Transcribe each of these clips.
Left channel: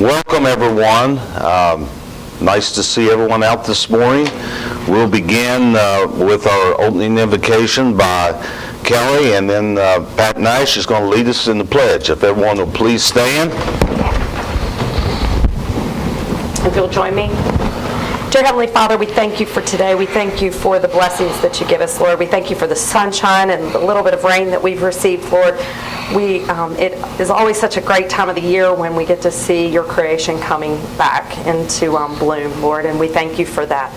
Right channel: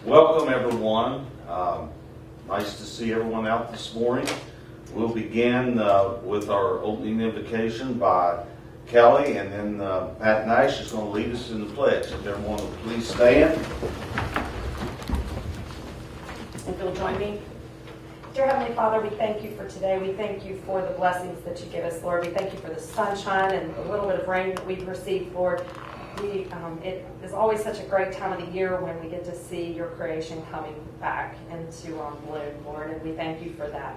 Welcome, everyone. Nice to see everyone out this morning. We'll begin with our opening invocation by Kelly, and then Pat Nash is going to lead us in the pledge. If everyone will please stand. If you'll join me. Dear Heavenly Father, we thank you for today. We thank you for the blessings that you give us, Lord. We thank you for the sunshine and the little bit of rain that we've received, Lord. It is always such a great time of the year when we get to see your creation coming back into bloom, Lord, and we thank you for that.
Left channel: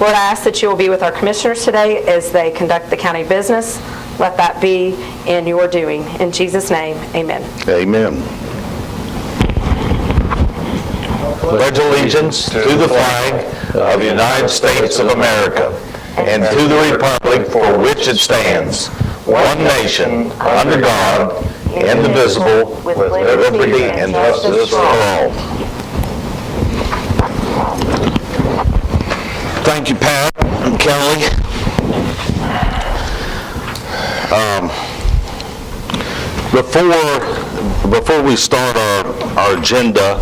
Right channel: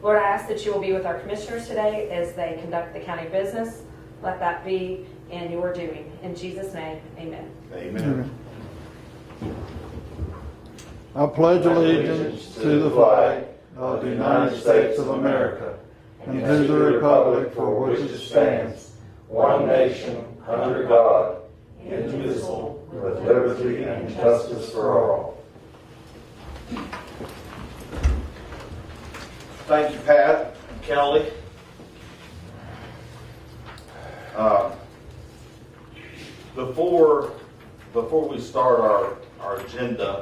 Lord, I ask that you will be with our commissioners today as they conduct the county business. Let that be in your doing. In Jesus' name, amen. Amen. Pledge allegiance to the flag of the United States of America and to the republic for which it stands, one nation, under God, indivisible, with liberty and justice for all. Thank you, Pat and Kelly. Before we start our agenda,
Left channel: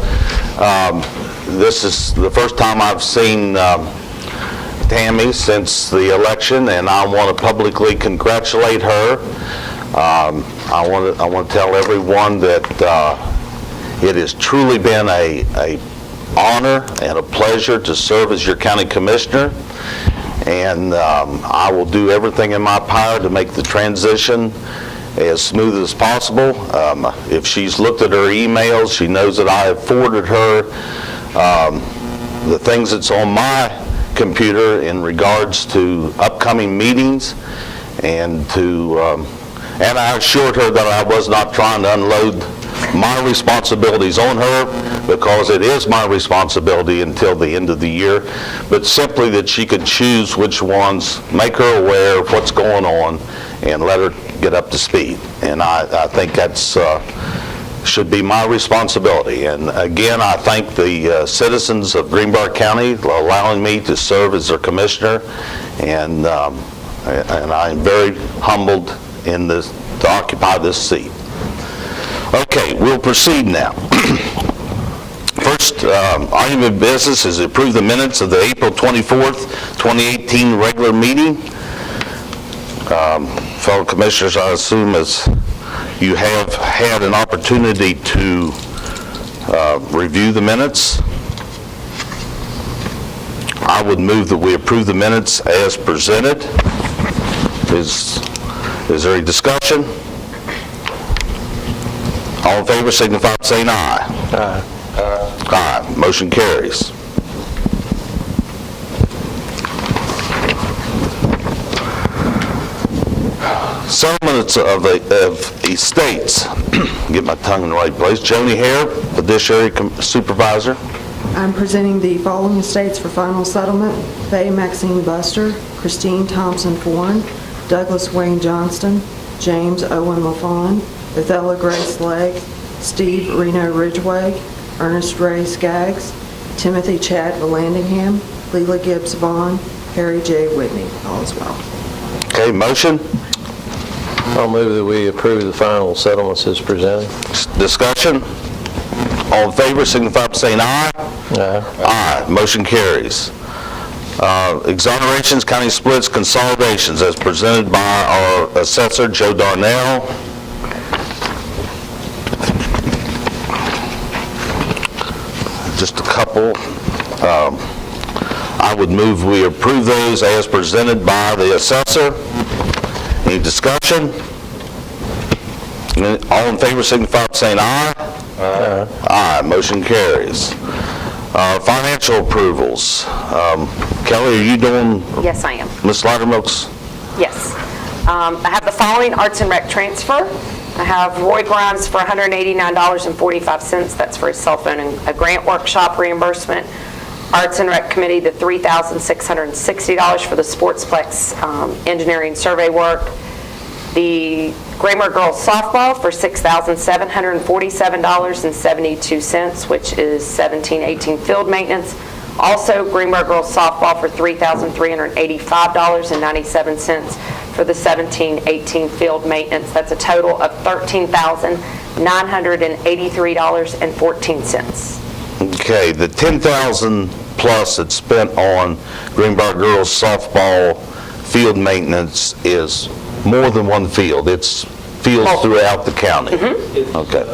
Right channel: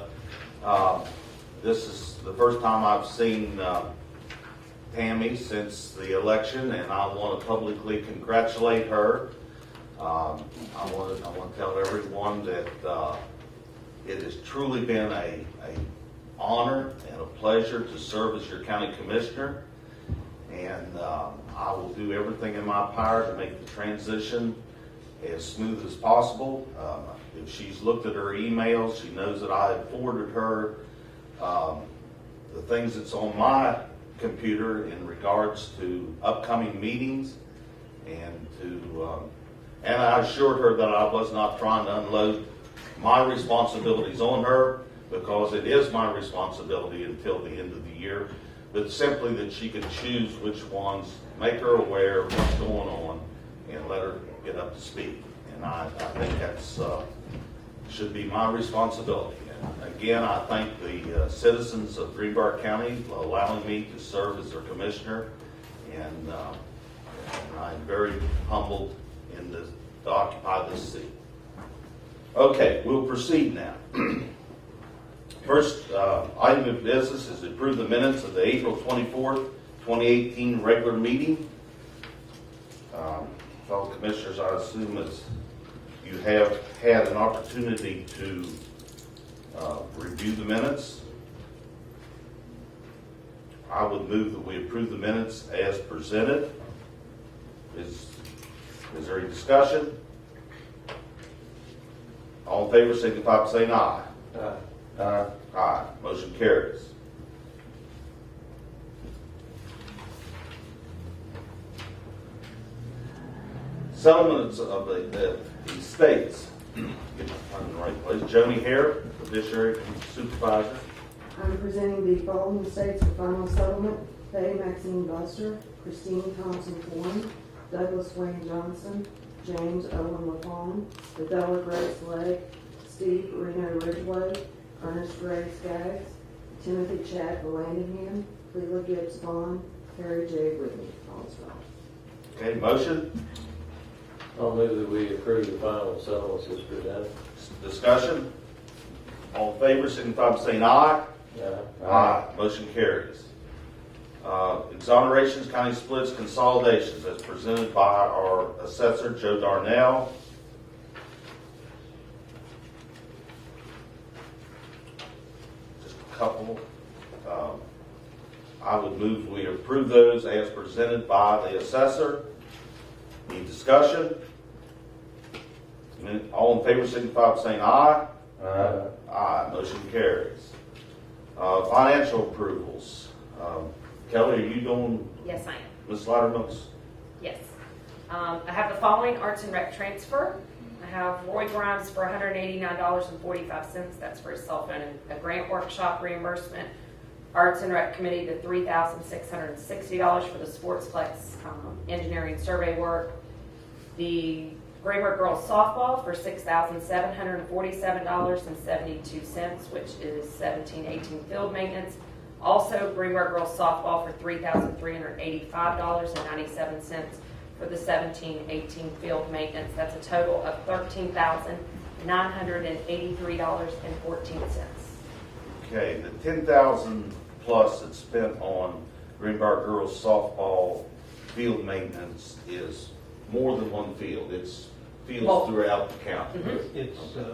this is the first time I've seen Tammy since the election, and I want to publicly congratulate her. I want to tell everyone that it has truly been a honor and a pleasure to serve as your county commissioner, and I will do everything in my power to make the transition as smooth as possible. If she's looked at her emails, she knows that I have forwarded her the things that's on my computer in regards to upcoming meetings, and I assured her that I was not trying to unload my responsibilities on her, because it is my responsibility until the end of the year, but simply that she could choose which ones, make her aware of what's going on, and let her get up to speed. And I think that's should be my responsibility. And again, I thank the citizens of Greenbrier County for allowing me to serve as their commissioner, and I am very humbled to occupy this seat. Okay, we'll proceed now. First item of business is to approve the minutes of the April 24th, 2018 regular meeting. Fellow commissioners, I assume as you have had an opportunity to review the minutes, I would move that we approve the minutes as presented. Is there any discussion? All in favor signify by saying aye. Aye. Aye. Motion carries. Settlements of estates. Get my tongue in the right place. Joni Hare, fiduciary supervisor. I'm presenting the following estates for final settlement: Faye Maxine Buster, Christine Thompson Foreign, Douglas Wayne Johnston, James Owen LaFawn, Bethella Grace Legg, Steve Reno Ridgway, Ernest Ray Skaggs, Timothy Chad Vallandingham, Leela Gibbs Vaughn, Harry J. Whitney, all as well. Okay, motion. I'll move that we approve the final settlements as presented. Discussion. All in favor signify by saying aye. Aye. Aye. Motion carries. Exonerations, county splits, consolidations as presented by our assessor, Joe Darnell. Just a couple. I would move we approve those as presented by the assessor. Any discussion? All in favor signify by saying aye. Aye. Aye. Motion carries. Financial approvals. Kelly, are you doing? Yes, I am. Ms. Loudermilk's? Yes. I have the following arts and rec transfer. I have Roy Grimes for $189.45. That's for his cell phone and a grant workshop reimbursement. Arts and Rec Committee, the $3,660 for the Sportsplex engineering survey work. The Greenbrier Girls Softball for $6,747.72, which is 17-18 field maintenance. Also, Greenbrier Girls Softball for $3,385.97 for the 17-18 field maintenance. That's a total of $13,983.14. Okay, the 10,000 plus that's spent on Greenbrier girls softball field maintenance is more than one field. It's fields throughout the county. Okay.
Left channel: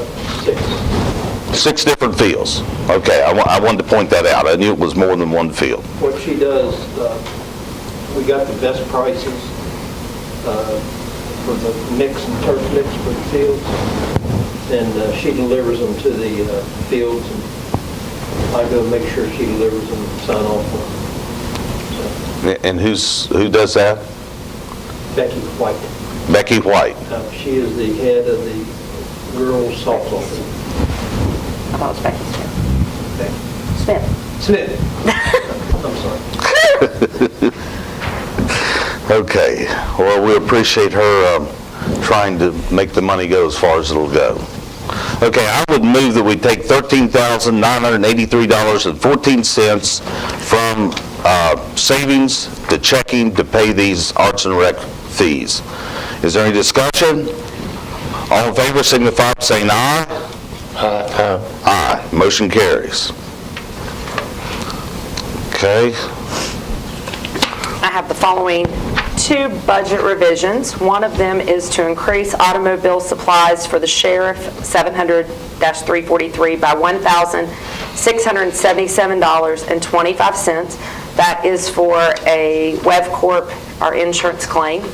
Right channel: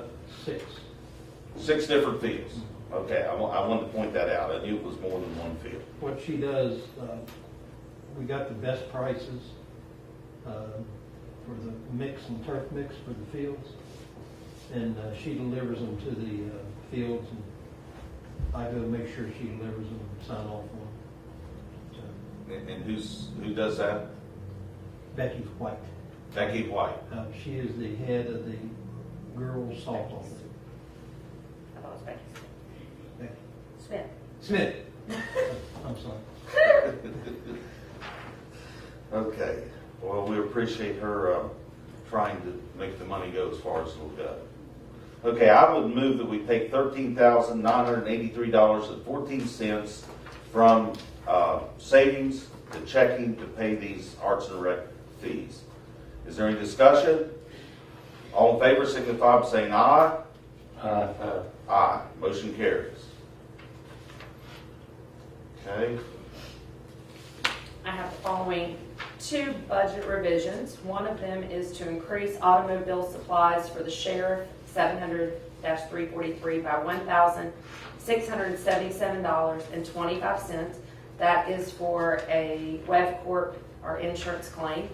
6 different fields. Okay, I wanted to point that out. I knew it was more than one field. What she does, we got the best prices for the mix and turf mix for the fields, and she delivers them to the fields, and I go make sure she delivers them and sign off on them. And who does that? So, Becky White. Becky White. She is the head of the girls softball team. I thought it was Becky Smith. Smith. I'm sorry. Okay, well, we appreciate her trying to make the money go as far as it'll go. Okay, I would move that we take $13,983.14 from savings to checking to pay these arts and rec fees. Is there any discussion? All in favor signify by saying aye. Aye. Aye. Motion carries. Okay. I have the following 2 budget revisions. One of them is to increase automobile supplies for the sheriff, 700-343, by $1,677.25. That is for a WevCorp, our insurance claim.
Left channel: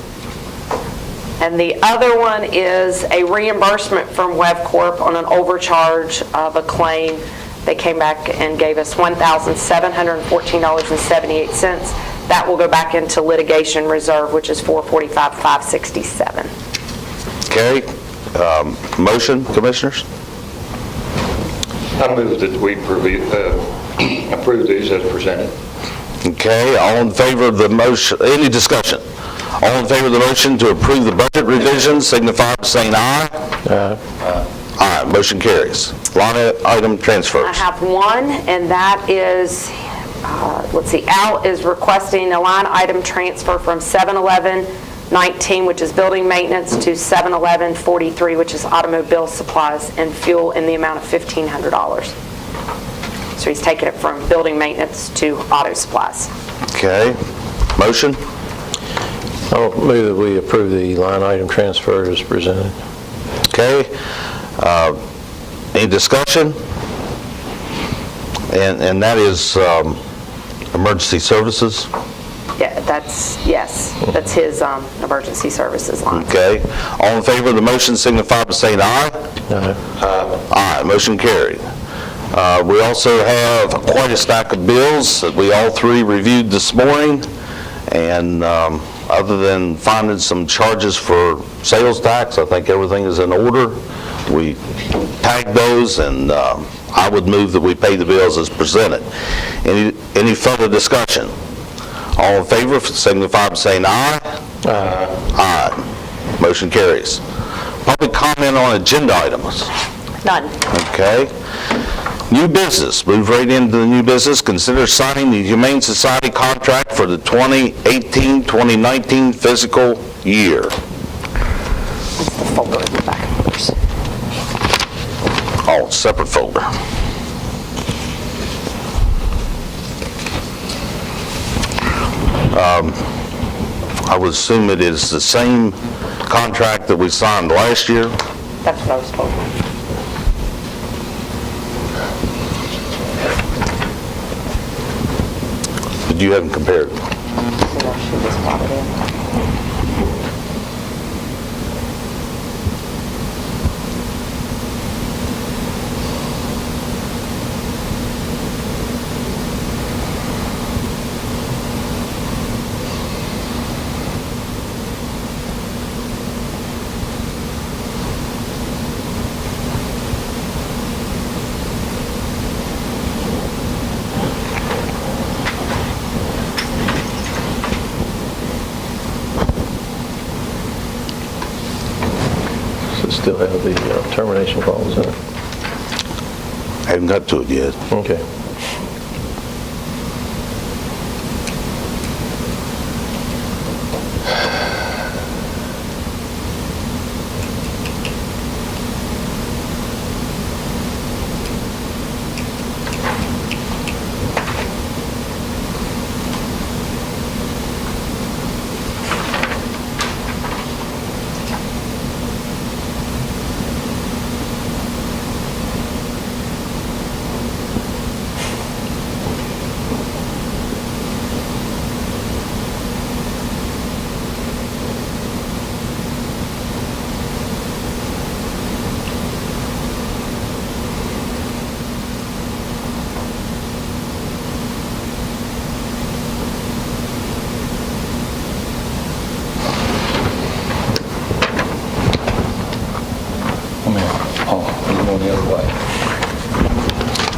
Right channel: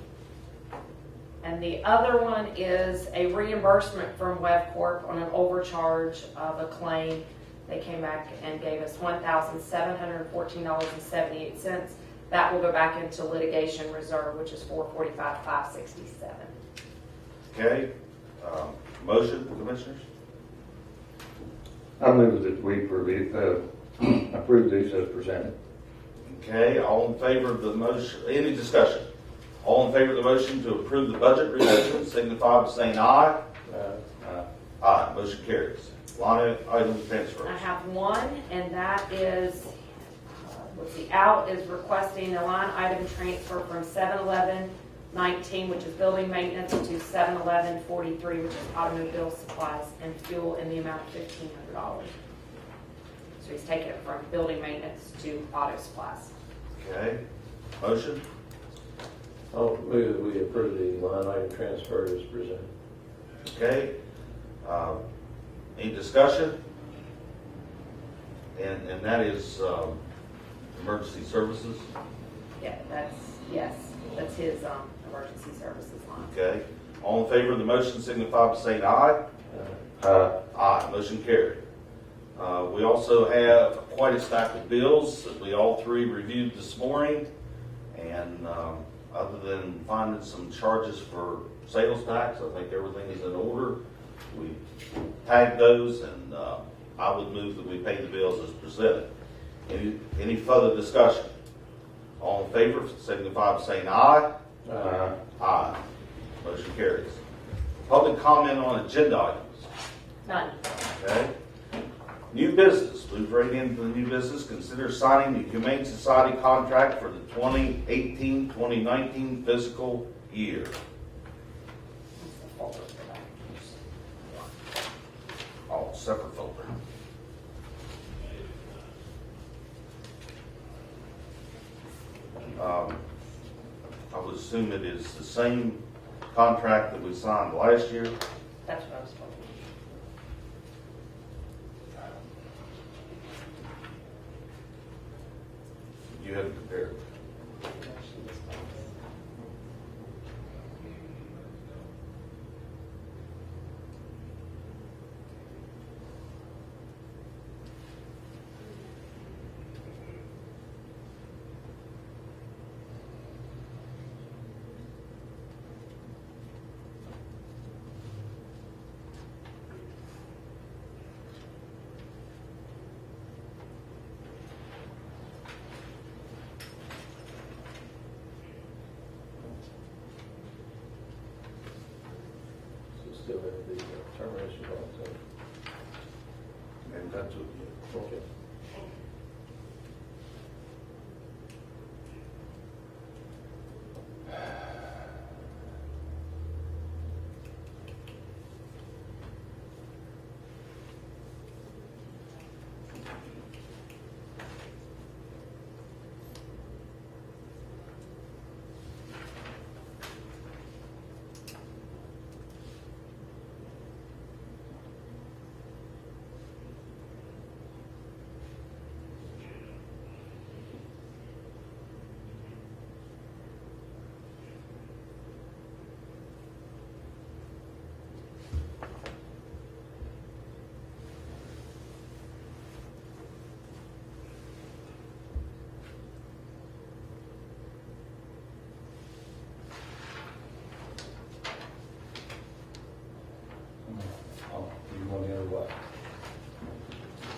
And the other one is a reimbursement from WevCorp on an overcharge of a claim. They came back and gave us $1,714.78. That will go back into litigation reserve, which is $445,567. Okay. Motion, commissioners? I move that we approve these as presented. Okay, all in favor of the motion, any discussion? All in favor of the motion to approve the budget revisions signify by saying aye. Aye. Aye, motion carries. Line item transfers. I have one, and that is, let's see, Al is requesting a line item transfer from 71119, which is building maintenance, to 71143, which is automobile supplies and fuel, in the amount of $1,500. So he's taking it from building maintenance to auto supplies. Okay, motion? I'll move that we approve the line item transfer as presented. Okay. Any discussion? And that is emergency services? Yeah, that's his emergency services line. Okay. All in favor of the motion signify by saying aye. Aye. Aye, motion carried. We also have quite a stack of bills that we all 3 reviewed this morning, and other than finding some charges for sales tax, I think everything is in order. We tagged those, and I would move that we pay the bills as presented. Any further discussion? All in favor signify by saying aye. Aye. Aye. Motion carries. Public comment on agenda items. None. Okay. New business, move right into the new business. Consider signing the Humane Society contract for the 2018-2019 fiscal year. It's the folder in the back of yours. Oh, separate folder. I would assume it is the same contract that we signed last year. That's what I was told. But you haven't compared. She just brought it in. Does it still have the termination clause in it? I haven't got to it yet. Okay.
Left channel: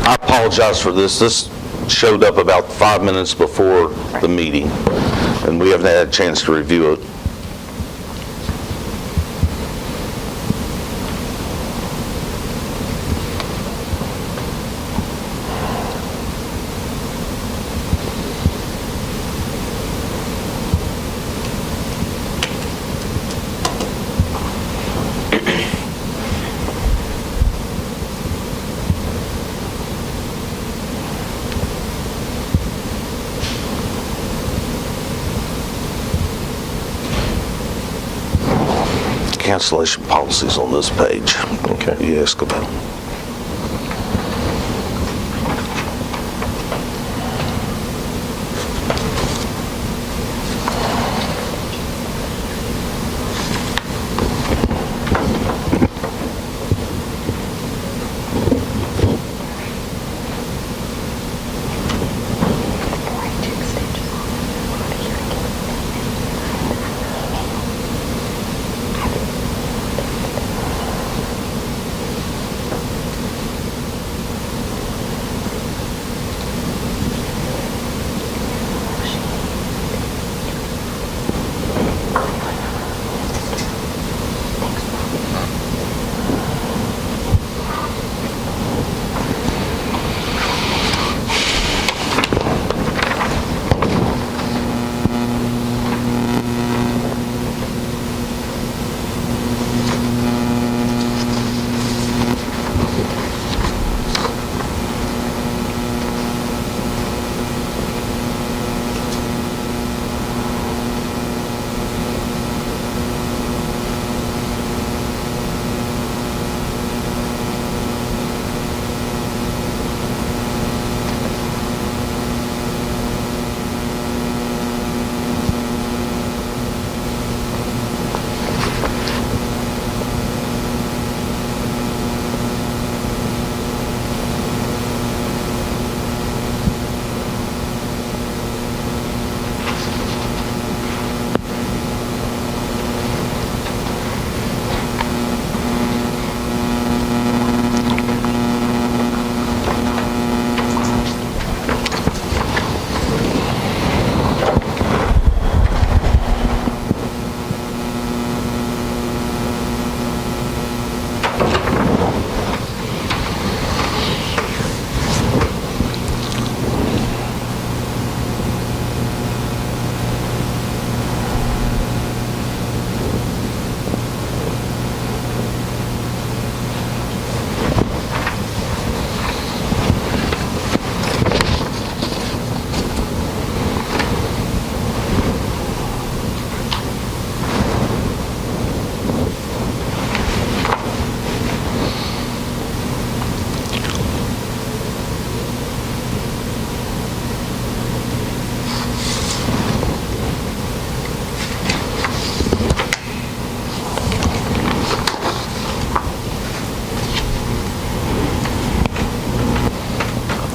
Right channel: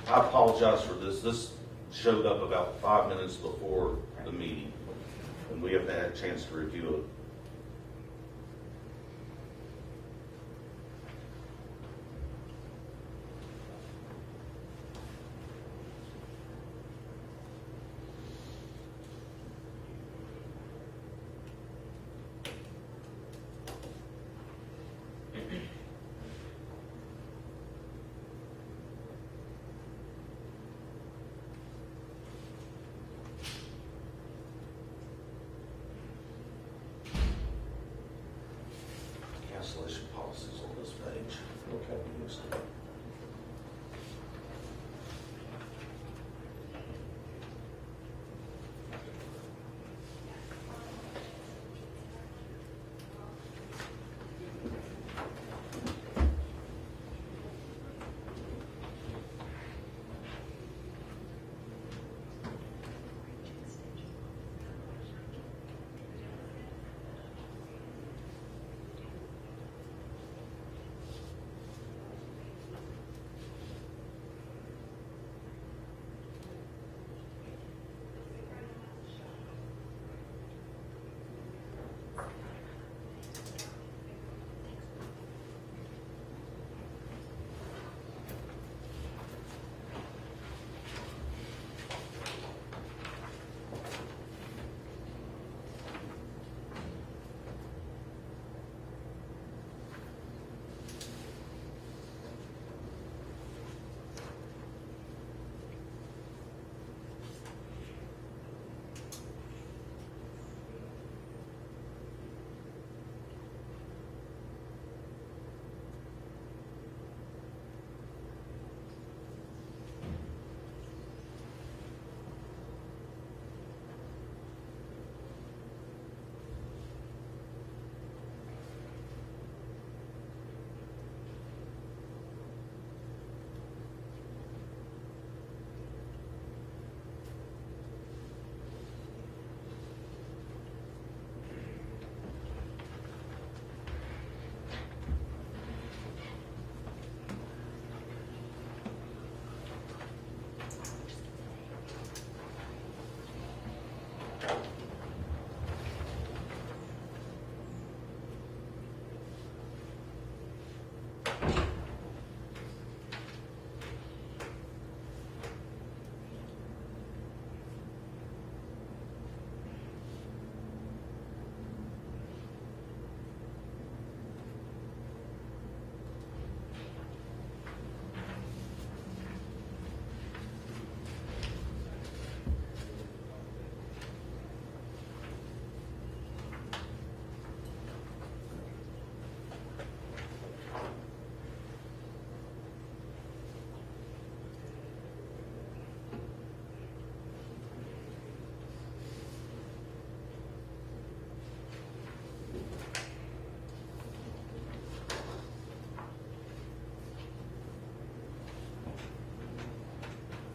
I apologize for this. This showed up about 5 minutes before the meeting, and we haven't had a chance to review it. Cancellation policies on this page. Okay. You ask about.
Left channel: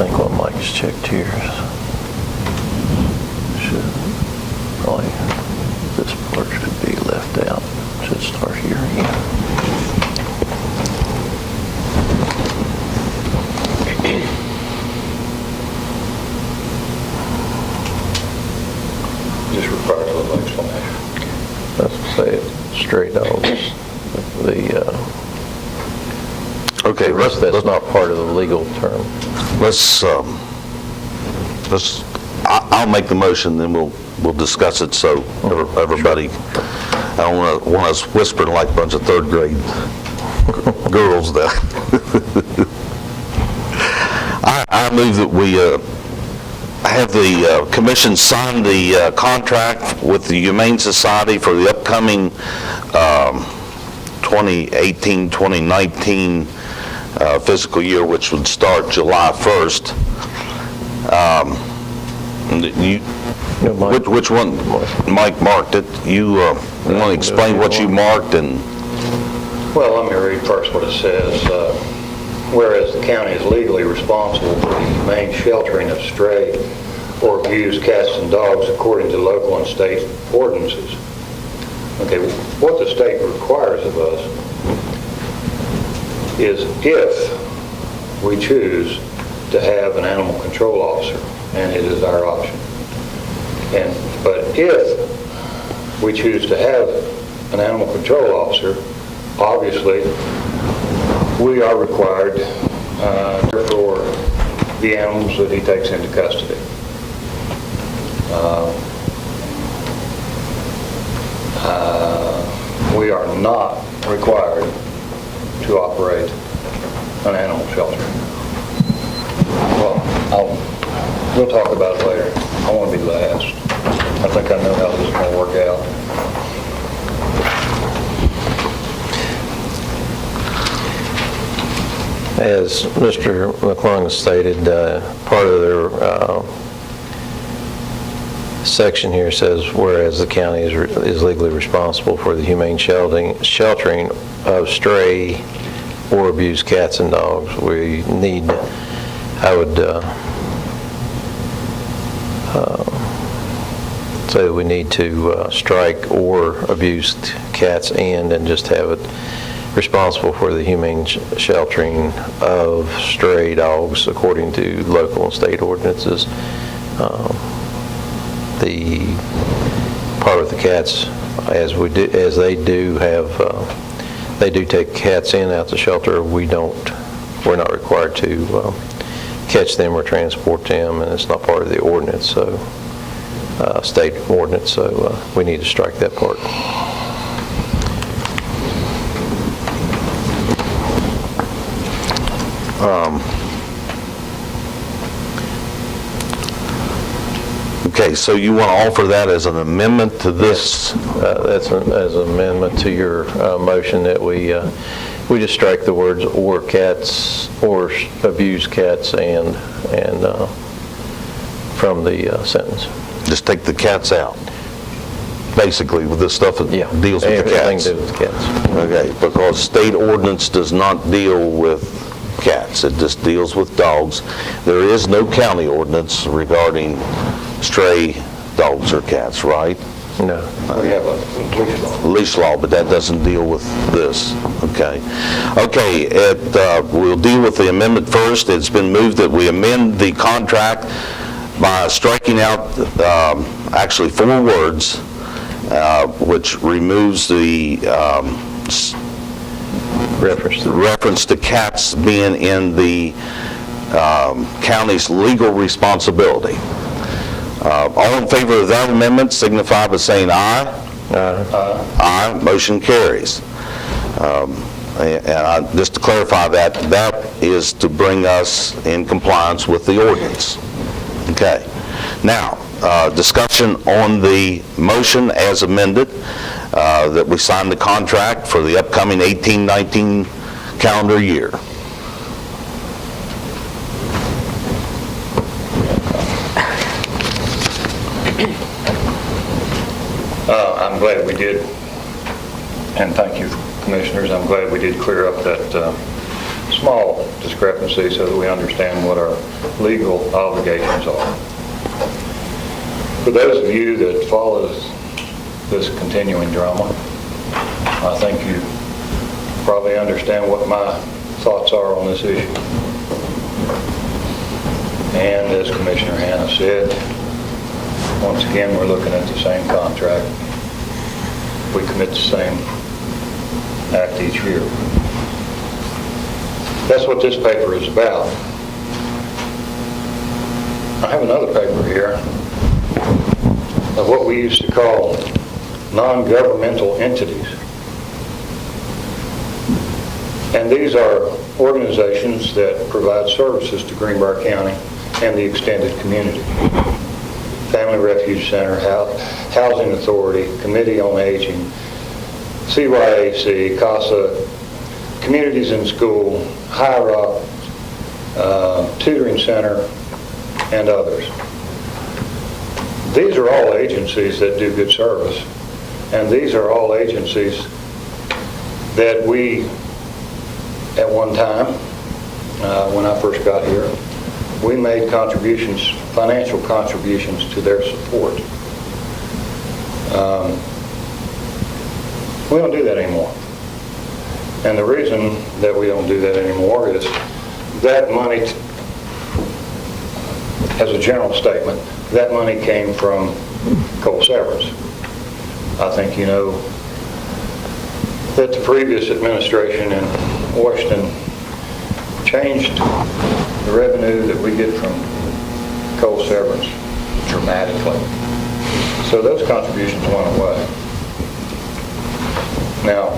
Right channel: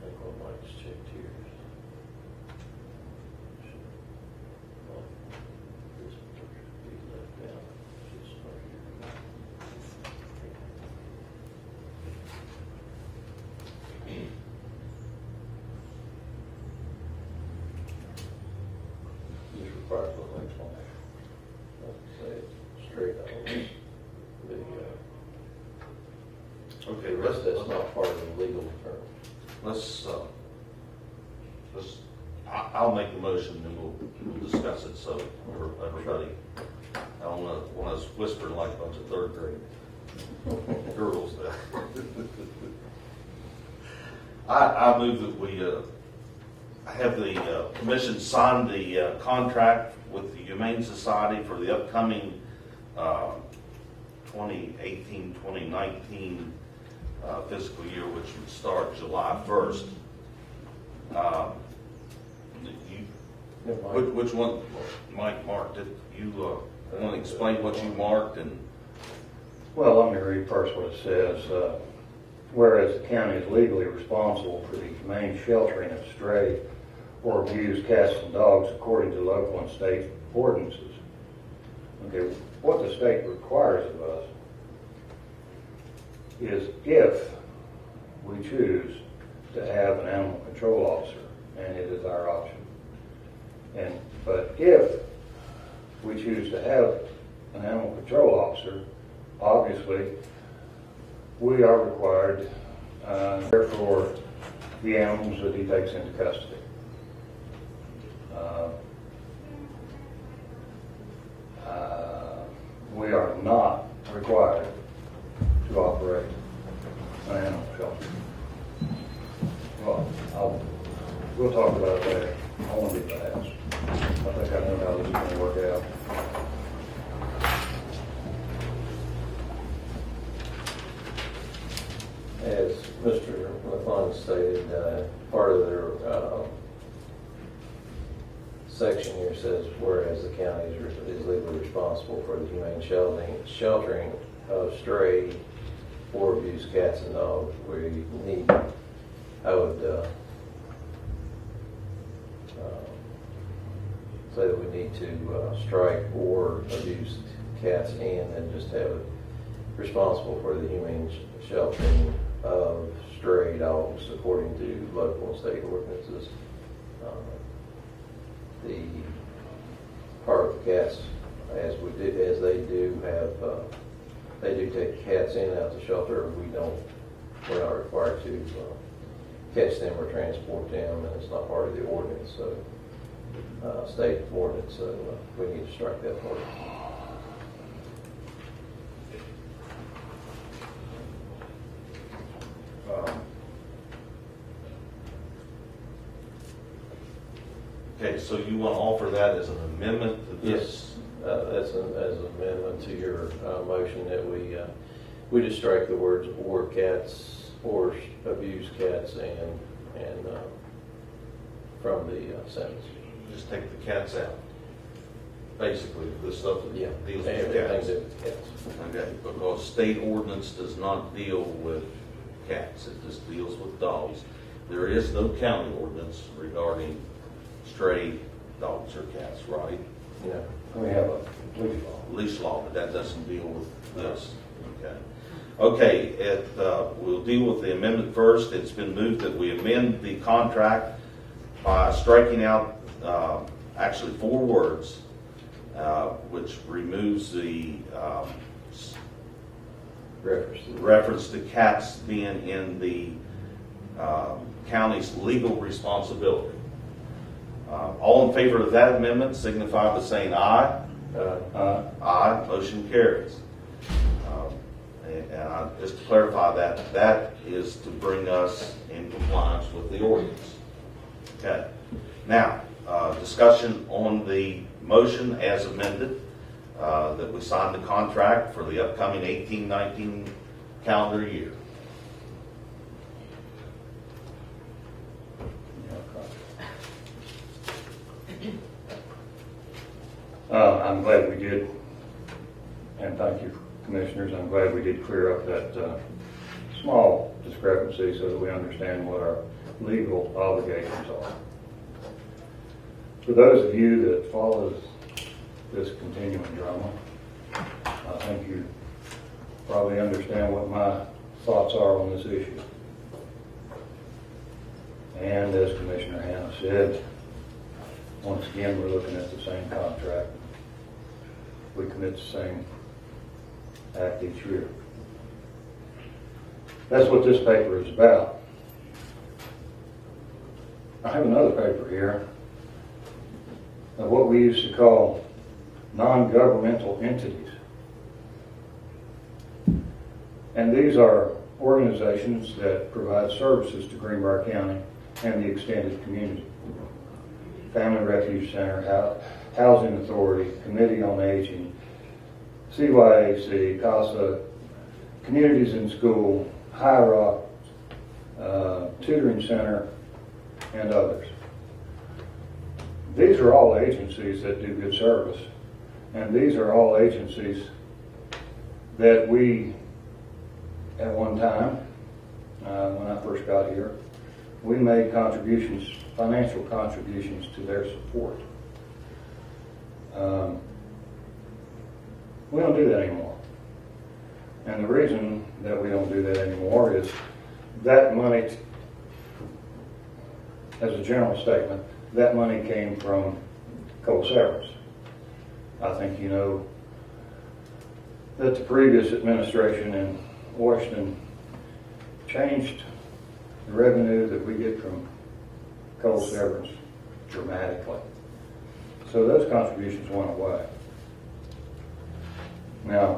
I think what Mike has checked here should probably, this part should be left out. Should start here again. Just requires a little explanation. Let's say it straight on. Okay, The rest, that's not part of the legal term. I'll make the motion, then we'll discuss it, so everybody, I don't want us whispering like a bunch of third grade girls there. I move that we have the commission sign the contract with the Humane Society for the upcoming 2018-2019 fiscal year, which would start July 1st. Which one? Mike marked it. You want to explain what you marked? And Well, let me read first what it says. Whereas the county is legally responsible for the humane sheltering of stray or abused cats and dogs according to local and state ordinances. Okay, what the state requires of us is if we choose to have an animal control officer, and it is our option. But if we choose to have an animal control officer, obviously, we are required for the animals that he takes into custody. We are not required to operate an animal shelter. Well, we'll talk about it later. I want to be last. I think I know how this is going to work out. As Mr. McClung stated, part of their section here says, whereas the county is legally responsible for the humane sheltering of stray or abused cats and dogs, I would say we need to strike or abused cats and just have it responsible for the humane sheltering of stray dogs according to local and state ordinances. The part of the cats, as they do take cats in out the shelter, we're not required to catch them or transport them, and it's not part of the ordinance, so state ordinance, so we need to strike that part. Okay, so you want to offer that as an amendment to this? That's as an amendment to your motion that we just strike the words "or cats" or "abused cats" and from the sentence. Just take the cats out, basically, with the stuff that deals with the cats. Everything to do with cats. Okay, because state ordinance does not deal with cats. It just deals with dogs. There is no county ordinance regarding stray dogs or cats, right? No. We have a leash law. Leash law, but that doesn't deal with this. Okay. Okay, we'll deal with the amendment first. It's been moved that we amend the contract by striking out actually 4 words, which removes the reference to cats being in the county's legal responsibility. All in favor of that amendment signify by saying aye. Aye. Motion carries. And just to clarify that is to bring us in compliance with the ordinance. Okay. Now, discussion on the motion as amended, that we sign the contract for the upcoming 18-19 calendar year. I'm glad we did, and thank you, Commissioners, I'm glad we did clear up that small discrepancy so that we understand what our legal obligations are. For those of you that follow this continuing drama, I think you probably understand what my thoughts are on this issue. And as Commissioner Hanna said, once again, we're looking at the same contract. We commit the same act each year. That's what this paper is about. I have another paper here of what we used to call non-governmental entities. And these are organizations that provide services to Greenbrier County and the extended community. Family Refuge Center, Housing Authority, Committee on Aging, CYAC, CASA, Communities in School, High Rock, Tutoring Center, and others. These are all agencies that do good service, and these are all agencies that we, at one time, when I first got here, we made contributions, financial contributions to their support. We don't do that anymore. And the reason that we don't do that anymore is that money as a general statement, that money came from coal severance. I think you know that the previous administration in Washington changed the revenue that we get from coal severance dramatically. So those contributions went away. Now,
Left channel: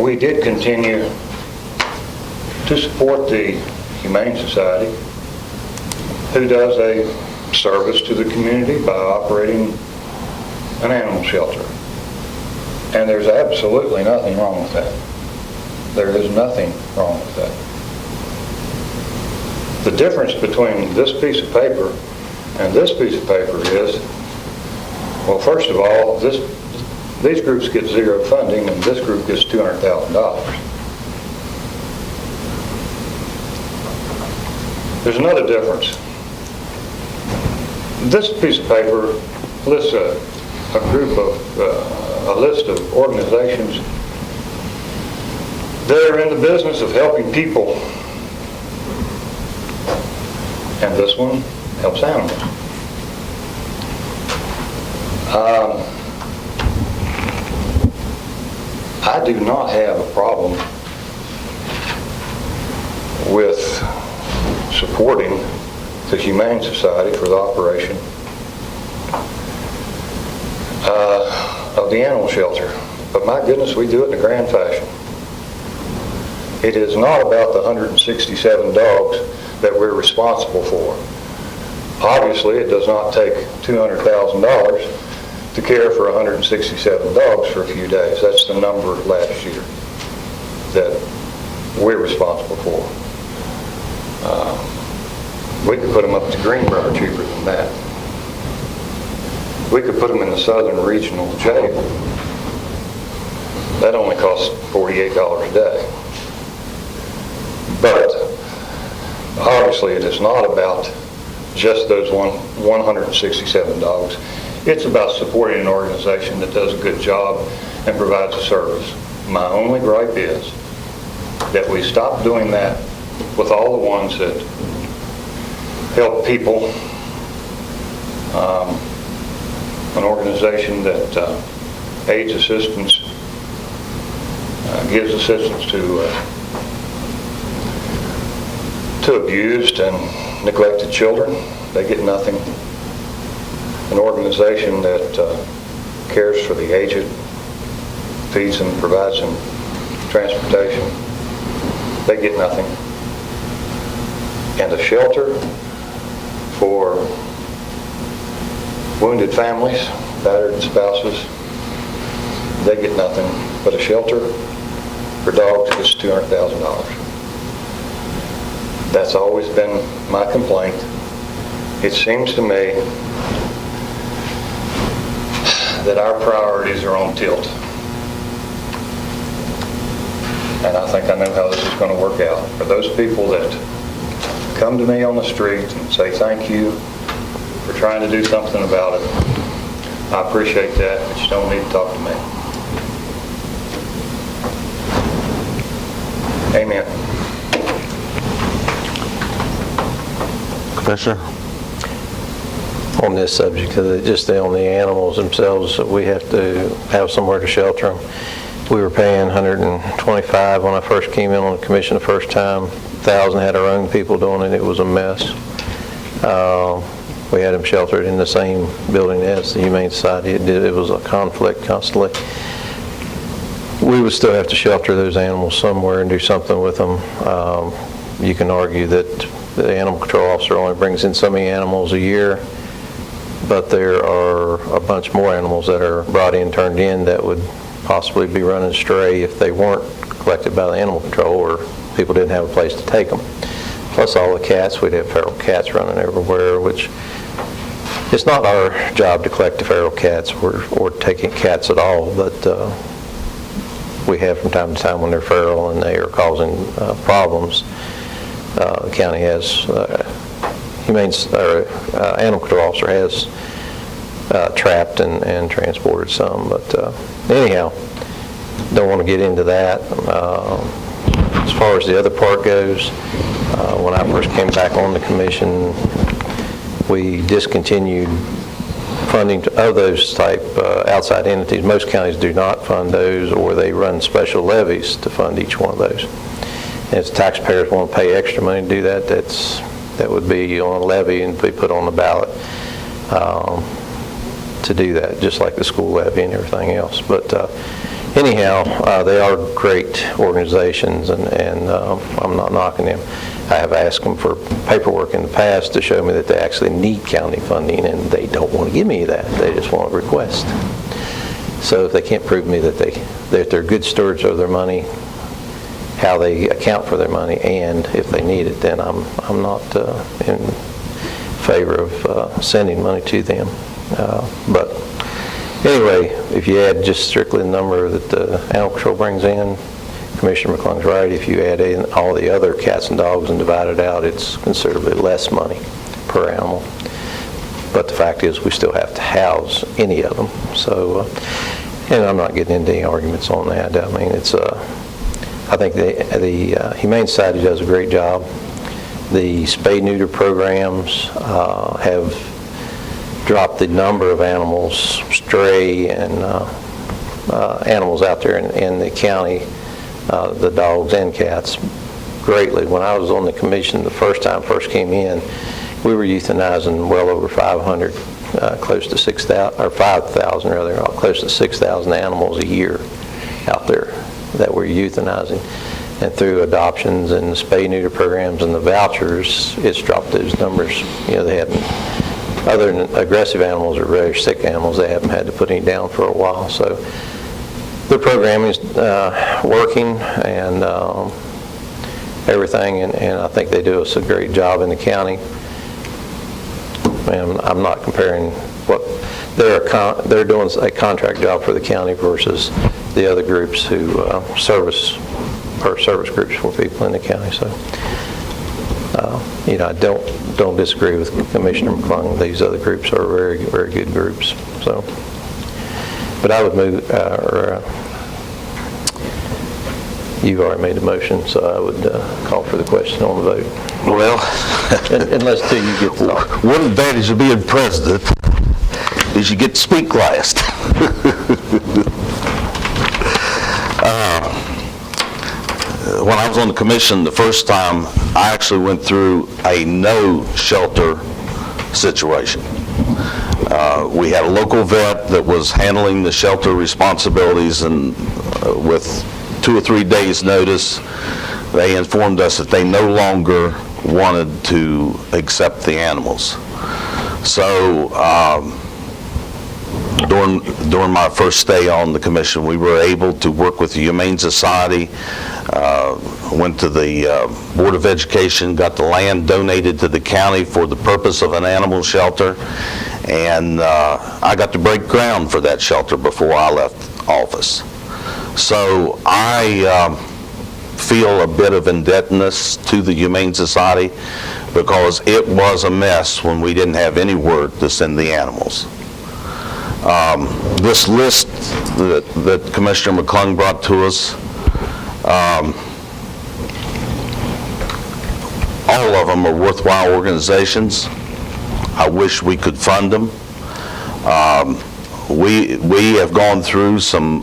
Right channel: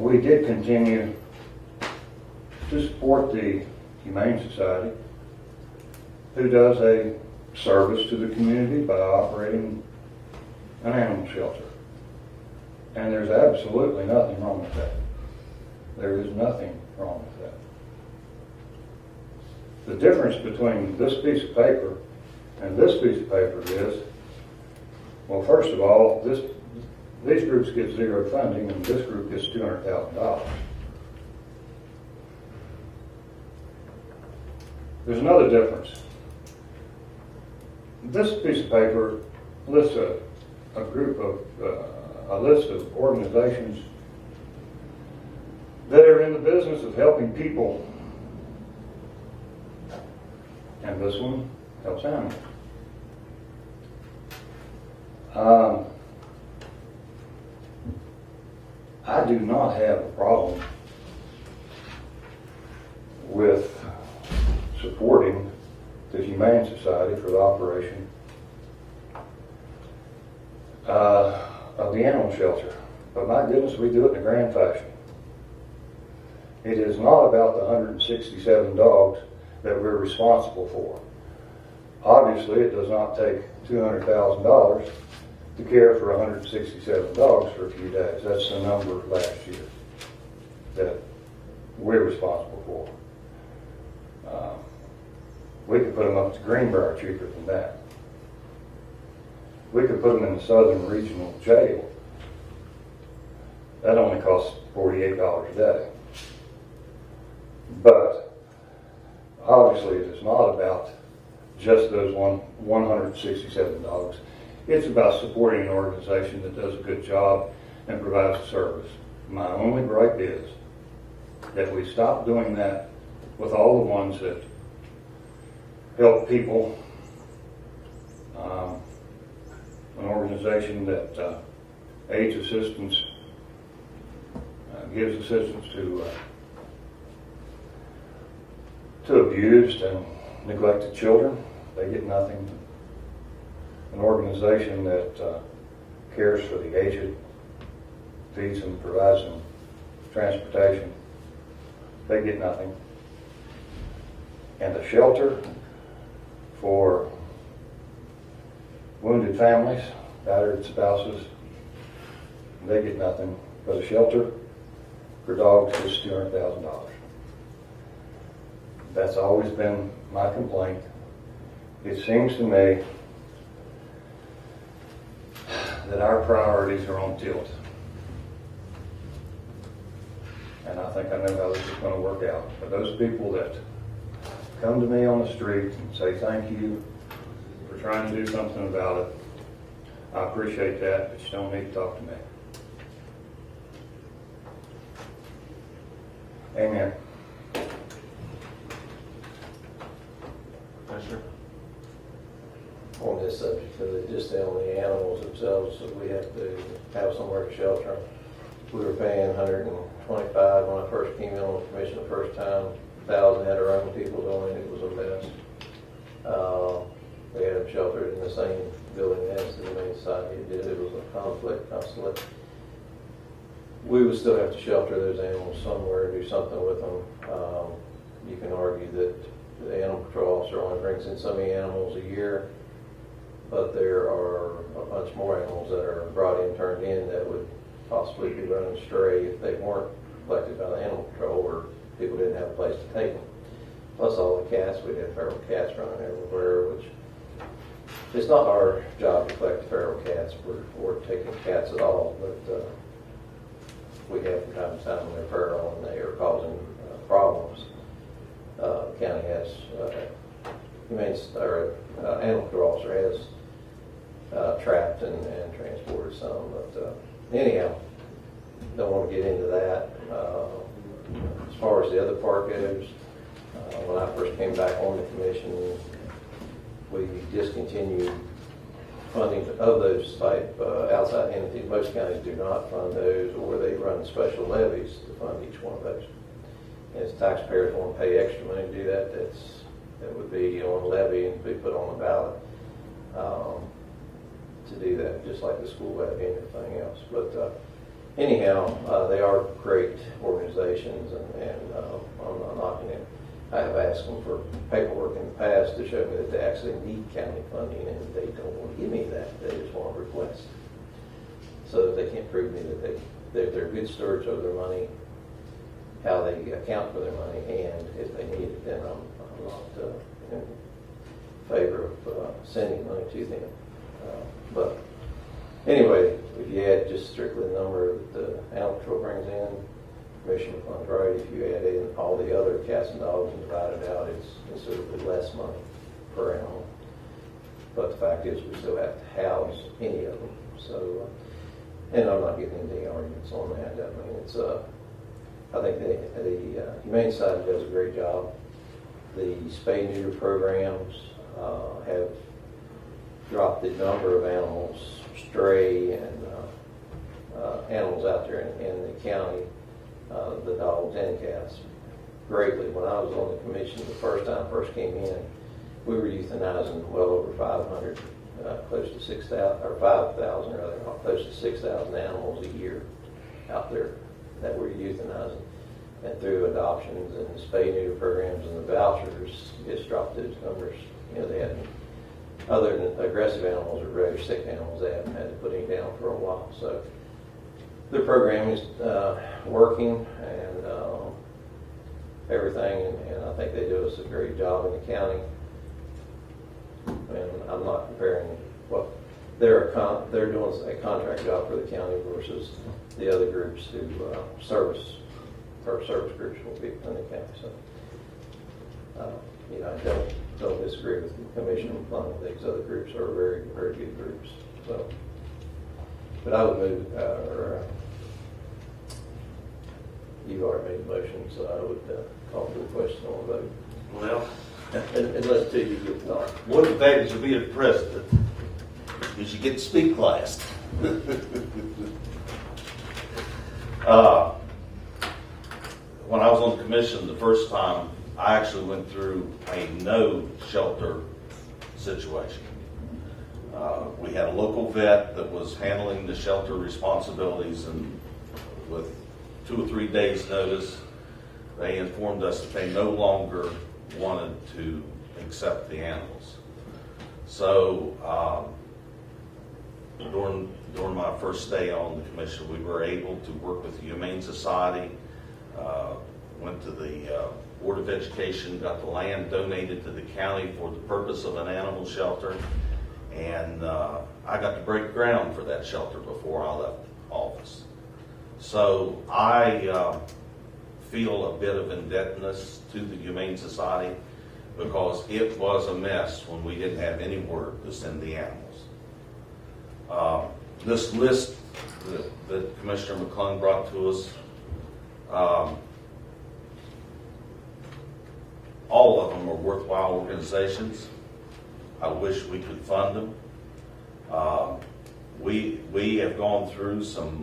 we did continue to support the Humane Society, who does a service to the community by operating an animal shelter. And there's absolutely nothing wrong with that. There is nothing wrong with that. The difference between this piece of paper and this piece of paper is, well, first of all, these groups get zero funding and this group gets $200,000. There's another difference. This piece of paper lists a list of organizations that are in the business of helping people. And this one helps animals. I do not have a problem with supporting the Humane Society for the operation of the animal shelter. But my goodness, we do it in a grand fashion. It is not about the 167 dogs that we're responsible for. Obviously, it does not take $200,000 to care for 167 dogs for a few days. That's the number last year that we're responsible for. We could put them up to Greenbrier cheaper than that. We could put them in the Southern Regional Jail. That only costs $48 a day. But obviously it is not about just those 167 dogs. It's about supporting an organization that does a good job and provides a service. My only gripe is that we stop doing that with all the ones that help people. An organization that aids assistance, gives assistance to abused and neglected children. They get nothing. An organization that cares for the aged, feeds them, provides them transportation. They get nothing. And a shelter for wounded families, battered spouses, they get nothing. But a shelter for dogs gets $200,000. That's always been my complaint. It seems to me that our priorities are on tilt. And I think I know how this is going to work out. For those people that come to me on the street and say thank you for trying to do something about it, I appreciate that, but you don't need to talk to me. Amen. Commissioner? On this subject, just on the animals themselves, we have to have somewhere to shelter them. We were paying $125 when I first came in on the commission the first time. 1,000 had our own people doing it. It was a mess. We had them sheltered in the same building as the Humane Society. It was a conflict constantly. We would still have to shelter those animals somewhere and do something with them. You can argue that the animal control officer only brings in so many animals a year, but there are a bunch more animals that are brought in, turned in, that would possibly be running stray if they weren't collected by the animal control or people didn't have a place to take them. Plus all the cats, we'd have feral cats running everywhere, which it's not our job to collect the feral cats or taking cats at all, but we have from time to time when they're feral and they are causing problems. The county has, animal control officer has trapped and transported some, but anyhow, don't want to get into that. As far as the other part goes, when I first came back on the commission, we discontinued funding of those type outside entities. Most counties do not fund those, or they run special levies to fund each one of those. And if taxpayers want to pay extra money to do that, that would be on a levy and be put on the ballot to do that, just like the school levy and everything else. But anyhow, they are great organizations, and I'm not knocking them. I have asked them for paperwork in the past to show me that they actually need county funding, and they don't want to give me that. They just want a request. So if they can't prove to me that they're good stewards of their money, how they account for their money, and if they need it, then I'm not in favor of sending money to them. But anyway, if you add just strictly the number that the animal control brings in, Commissioner McClung's right. If you add in all the other cats and dogs and divide it out, it's considerably less money per animal. But the fact is, we still have to house any of them. So, and I'm not getting into any arguments on that. I mean, it's I think the Humane Society does a great job. The spay-neuter programs have dropped the number of animals, stray and animals out there in the county, the dogs and cats, greatly. When I was on the commission the first came in, we were euthanizing well over 500, close to 6,000, or 5,000 rather, close to 6,000 animals a year out there that we're euthanizing. And through adoptions and the spay-neuter programs and the vouchers, it's dropped those numbers. You know, they haven't, other than aggressive animals or very sick animals, they haven't had to put any down for a while. So the program is working and everything, and I think they do us a great job in the county. And I'm not comparing what they're doing a contract job for the county versus the other groups who service groups for people in the county. So, you know, I don't disagree with Commissioner McClung. These other groups are very, very good groups. So, but I would move, you've already made the motion, so I would call for the question on the vote. Well, Unless till you get to talk. one advantage of being president is you get to speak last. When I was on the commission the first time, I actually went through a no shelter situation. We had a local vet that was handling the shelter responsibilities, and with 2 or 3 days notice, they informed us that they no longer wanted to accept the animals. So during my first stay on the commission, we were able to work with the Humane Society, went to the Board of Education, got the land donated to the county for the purpose of an animal shelter, and I got to break ground for that shelter before I left office. So I feel a bit of indebtedness to the Humane Society because it was a mess when we didn't have anywhere to send the animals. This list that Commissioner McClung brought to us, all of them are worthwhile organizations. I wish we could fund them. We have gone through some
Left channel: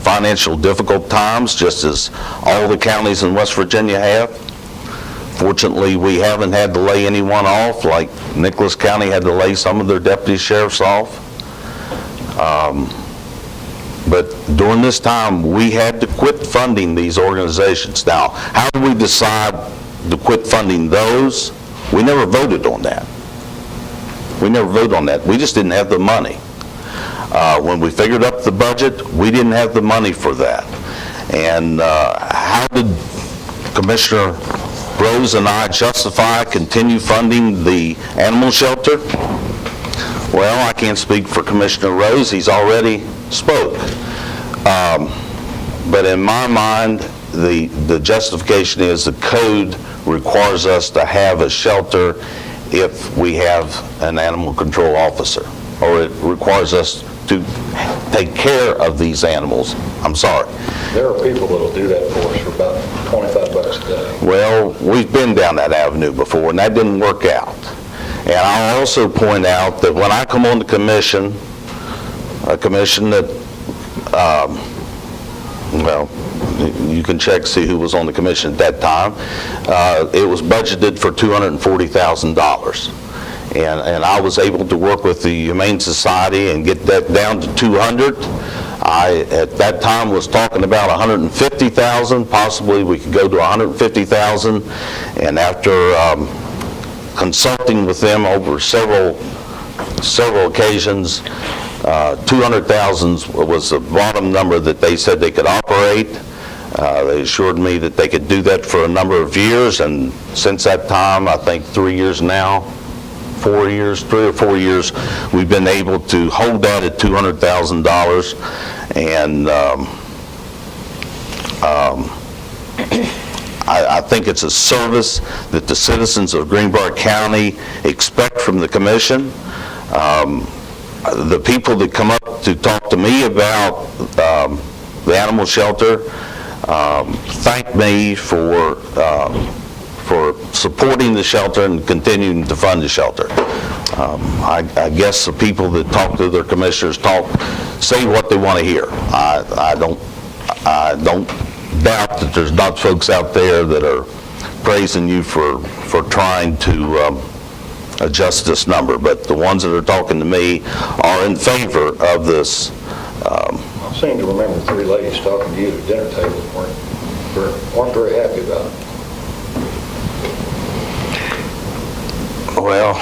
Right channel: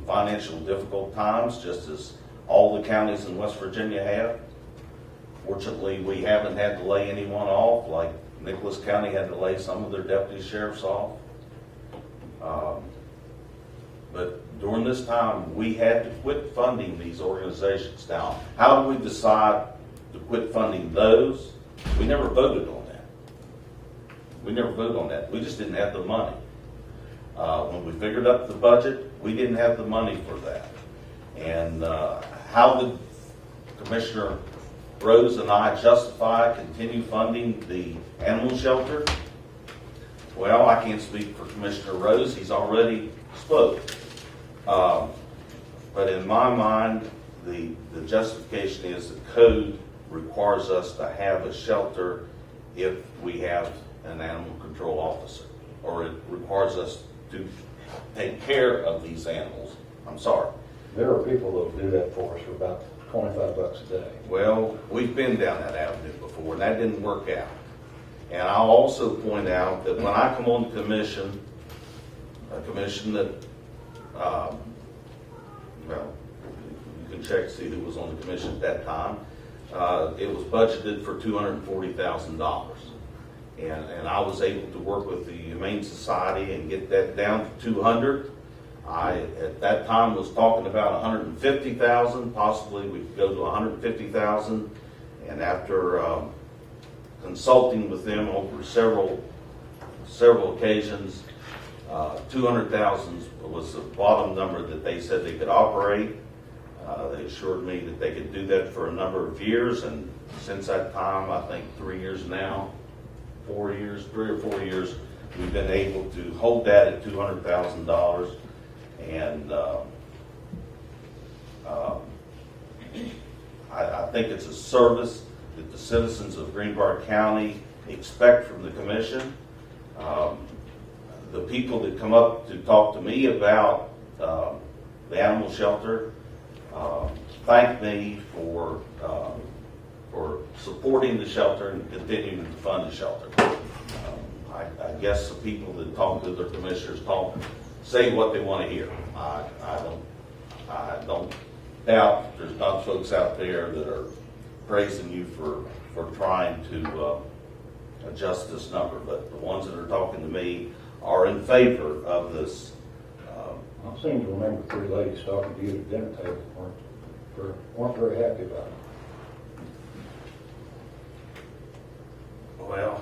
financial difficult times, just as all the counties in West Virginia have. Fortunately, we haven't had to lay anyone off, like Nicholas County had to lay some of their deputy sheriffs off. But during this time, we had to quit funding these organizations. Now, how do we decide to quit funding those? We never voted on that. We never voted on that. We just didn't have the money. When we figured up the budget, we didn't have the money for that. And how did Commissioner Rose and I justify continue funding the animal shelter? Well, I can't speak for Commissioner Rose. He's already spoke. But in my mind, the justification is the code requires us to have a shelter if we have an animal control officer, or it requires us to take care of these animals. I'm sorry. There are people that'll do that for us for about $25 process today. Well, we've been down that avenue before, and that didn't work out. And I'll also point out that when I come on the commission, a commission that, well, you can check, see who was on the commission at that time, it was budgeted for $240,000. And I was able to work with the Humane Society and get that down to 200. I, at that time, was talking about 150,000, possibly we could go to 150,000. And after consulting with them over several occasions, 200,000 was the bottom number that they said they could operate. They assured me that they could do that for a number of years, and since that time, I think 3 years now, 4 years, 3 or 4 years, we've been able to hold that at $200,000. And I think it's a service that the citizens of Greenbrier County expect from the commission. The people that come up to talk to me about the animal shelter thank me for supporting the shelter and continuing to fund the shelter. I guess the people that talk to their commissioners say what they want to hear. I don't doubt that there's not folks out there that are praising you for trying to adjust this number, but the ones that are talking to me are in favor of this. I seem to remember 3 ladies talking to you at the dinner table weren't very happy about it. Well,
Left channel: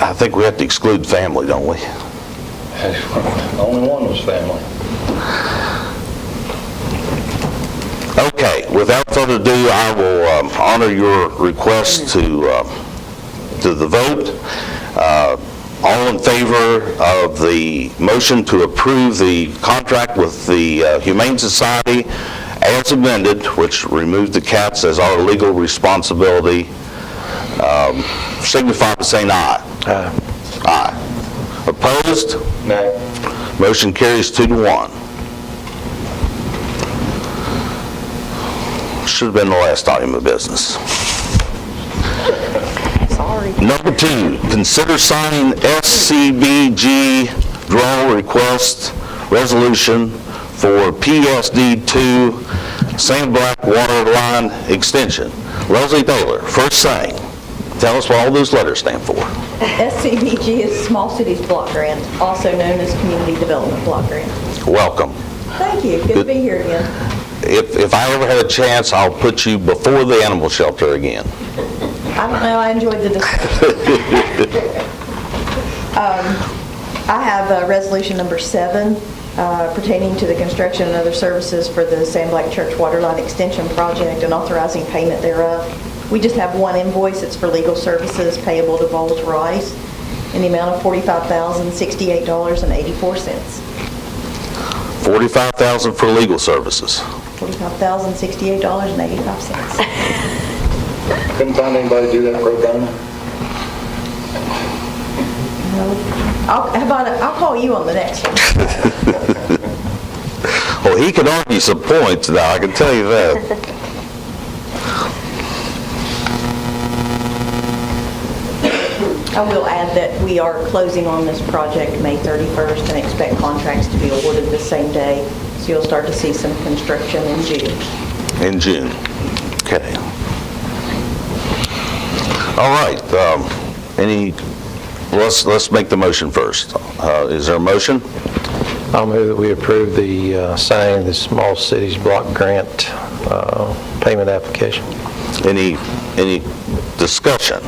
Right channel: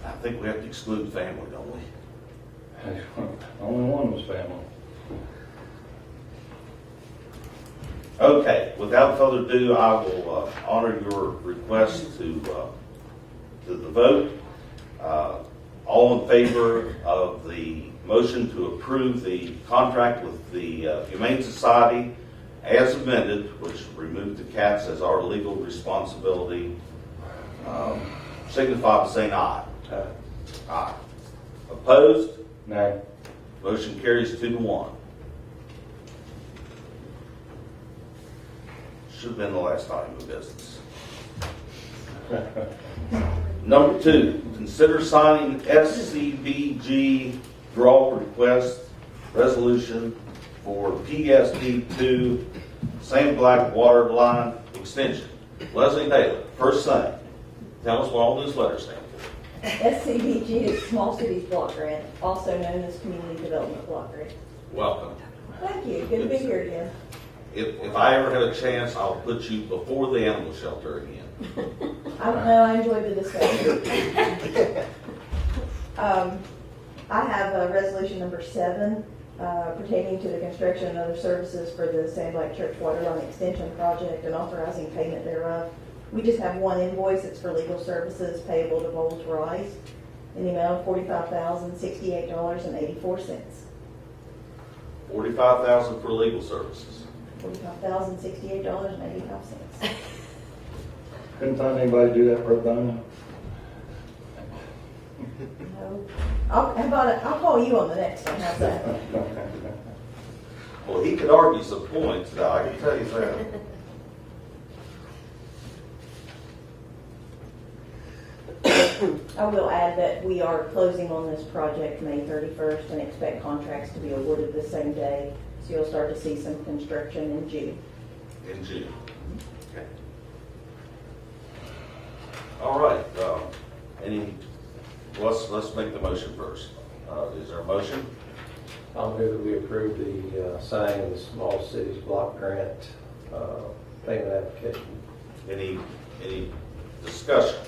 I think we have to exclude family, don't we? Only one was family. Okay, without further ado, I will honor your request to the vote. All in favor of the motion to approve the contract with the Humane Society as amended, which removed the cats as our legal responsibility, signify by saying aye. Aye. Aye. Opposed? Nay. Motion carries 2-1. Should have been the last item of business. Sorry. Number 2, consider signing SCBG draw request resolution for PSD 2 St. Black Water Line Extension. Leslie Taylor, first thing, tell us what all those letters stand for. SCBG is Small Cities Block Grant, also known as Community Development Block Grant. Welcome. Thank you. Good to be here again. If I ever had a chance, I'll put you before the animal shelter again. I don't know, I enjoyed the discussion. I have resolution number 7 pertaining to the construction and other services for the St. Black Church Waterline Extension Project and authorizing payment thereof. We just have one invoice. It's for legal services payable to Bowles Rice in the amount of $45,068.84. $45,000 for legal services. $45,068.85. Couldn't find anybody to do that pro bono? I'll call you on the next one. Well, he can argue some points now, I can tell you that. I will add that we are closing on this project May 31st and expect contracts to be awarded the same day. So you'll start to see some construction in June. In June. Okay. All right. Let's make the motion first. Is there a motion? I'll move that we approve the signing the Small Cities Block Grant payment application. Any discussion?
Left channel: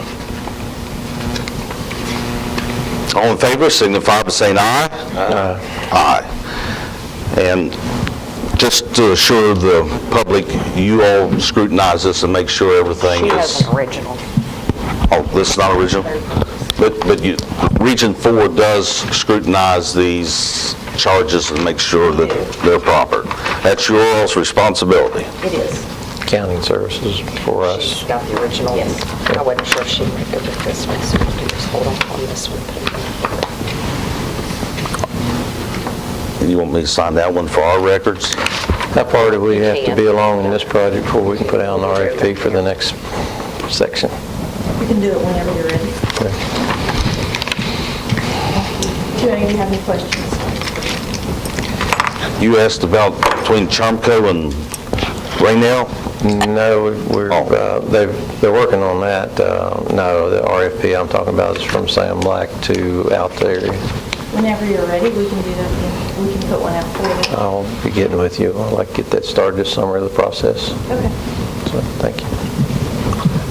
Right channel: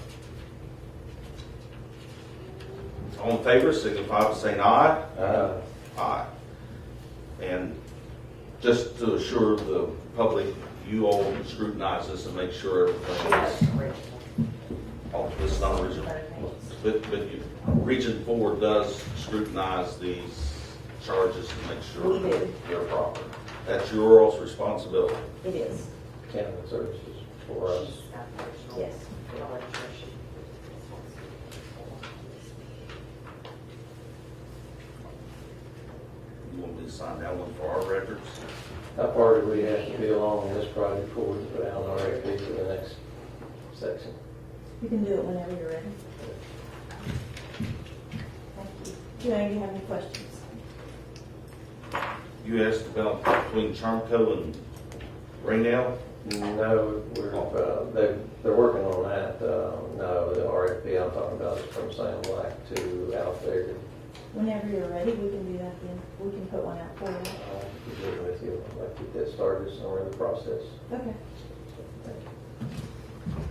All in favor, signify by saying aye. Aye. Aye. And just to assure the public, you all scrutinize this and make sure everything She is... has an original. Oh, this is not original? But Region 4 does scrutinize these charges and make sure that they're proper. That's your all's responsibility. It is. Accounting services for us. She's got the original. Yes. I wasn't sure she might go with this one, so we'll do this. Hold on this one. You want me to sign that one for our records? How far do we have to be along in this project before we can put out an RFP for the next section? You can do it whenever you're ready. Do any of you have any questions? You asked about between Charmco and Raynell? No, they're working on that. No, the RFP I'm talking about is from Sam Black to out there. Whenever you're ready, we can do that. We can put one out for you. I'll be getting with you. I'd like to get that started this summer, the process. Okay. So, thank you.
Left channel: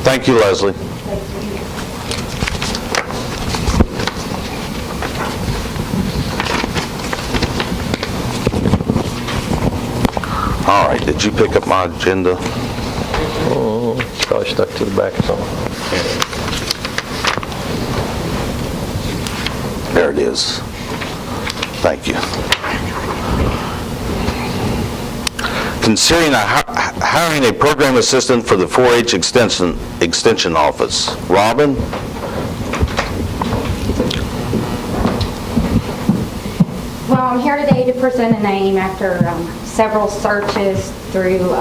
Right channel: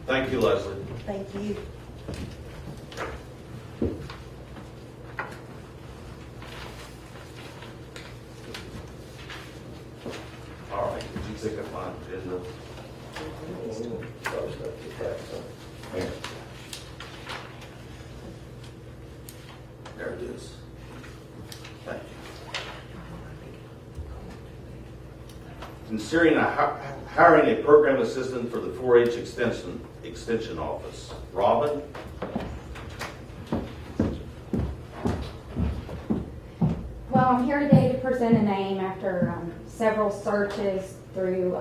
Thank you, Leslie. Thank you. All right, did you pick up my agenda? Oh, probably stuck to the back of something. There it is. Thank you. Considering hiring a program assistant for the 4-H extension office. Robin? Well, I'm here today to present a name after several searches through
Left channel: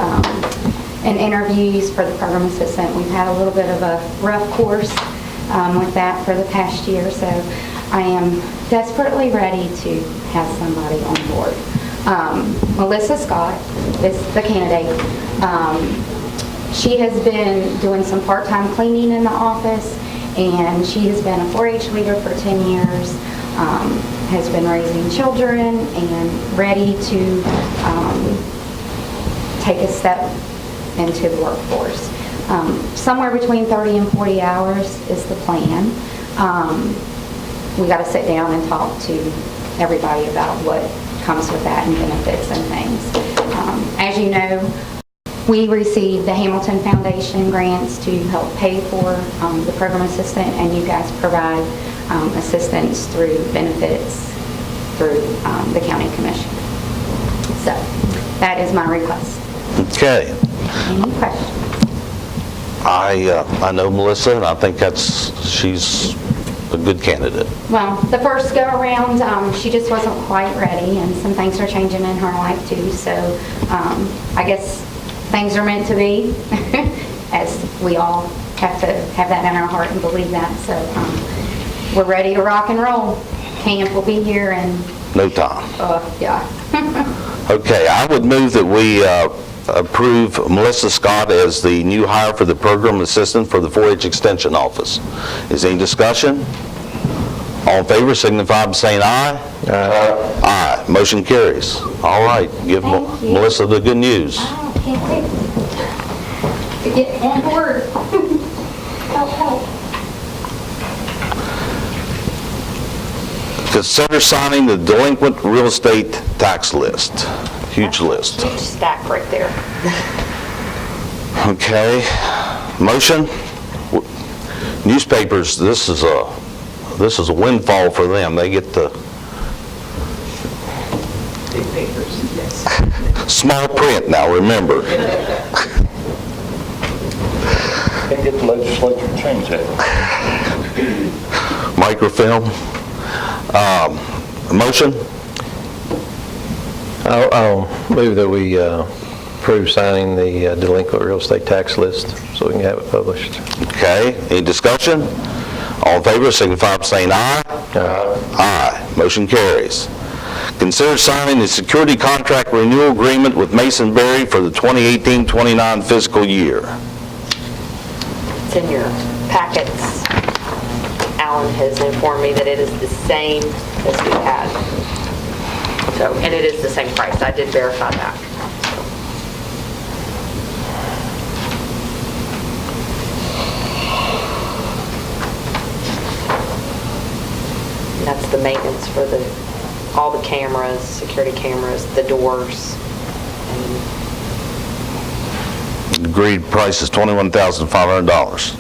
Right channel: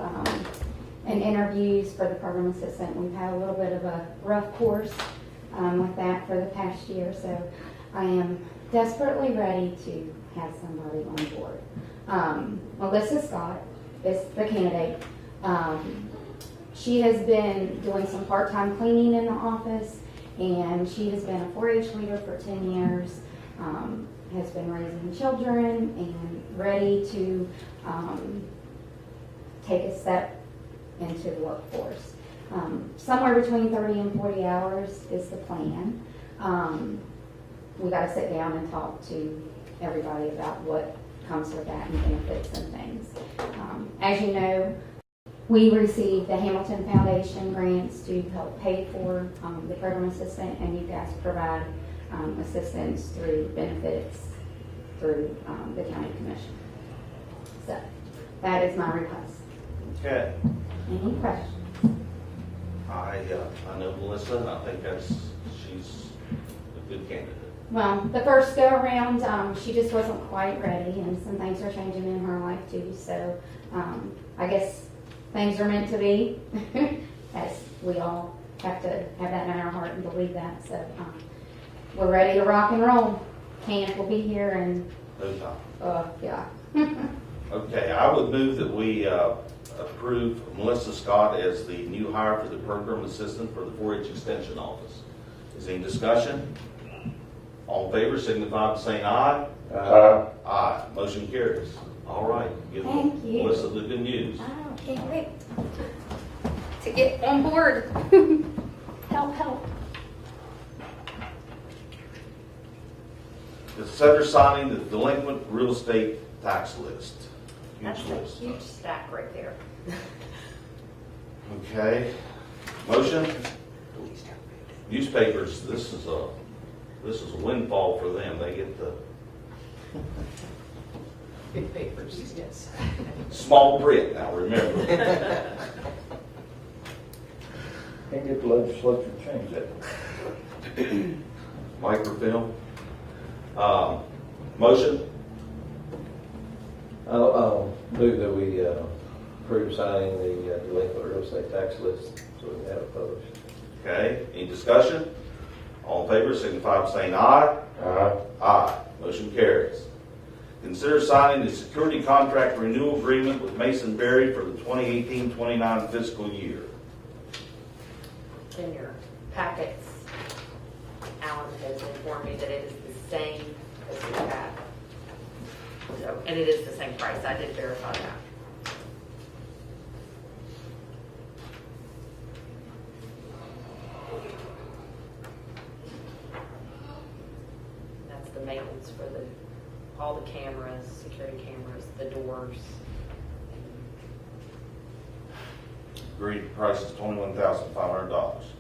and interviews for the program assistant. We've had a little bit of a rough course with that for the past year, so I am desperately ready to have somebody on board. Melissa Scott is the candidate. She has been doing some part-time cleaning in the office, and she has been a 4-H leader for 10 years, has been raising children, and ready to take a step into the workforce. Somewhere between 30 and 40 hours is the plan. We got to sit down and talk to everybody about what comes with that and benefits and things. As you know, we received the Hamilton Foundation grants to help pay for the program assistant, and you guys provide assistance through benefits through the county commission. So that is my request. Okay. Any questions? I know Melissa, and I think she's a good candidate. Well, the first go around, she just wasn't quite ready, and some things are changing in her life too. So I guess things are meant to be, as we all have to have that in our heart and believe that. So we're ready to rock and roll. Camp will be here in No time. yeah. Okay, I would move that we approve Melissa Scott as the new hire for the program assistant for the 4-H extension office. Is there any discussion? All in favor signify by saying aye. Aye. Aye. Motion carries. All right, give Thank you. Melissa the good news. I can't wait to get on board. Help. Consider signing the delinquent real estate tax list. Huge list. Huge stack right there. Okay, motion? Newspapers, this is a windfall for them. They get the Big papers, yes. small print now, remember. Can't get the legislature to change that. Microfilm. Motion? I'll move that we approve signing the delinquent real estate tax list so we can have it published. Okay, any discussion? All in favor signify by saying aye. Aye. Aye. Motion carries. Consider signing the security contract renewal agreement with Mason Berry for the 2018-29 fiscal year. It's in your packets. Alan has informed me that it is the same as we had. So, and it is the same price. I did verify that. And that's the maintenance for all the cameras, security cameras, the doors. And Agreed price is $21,500.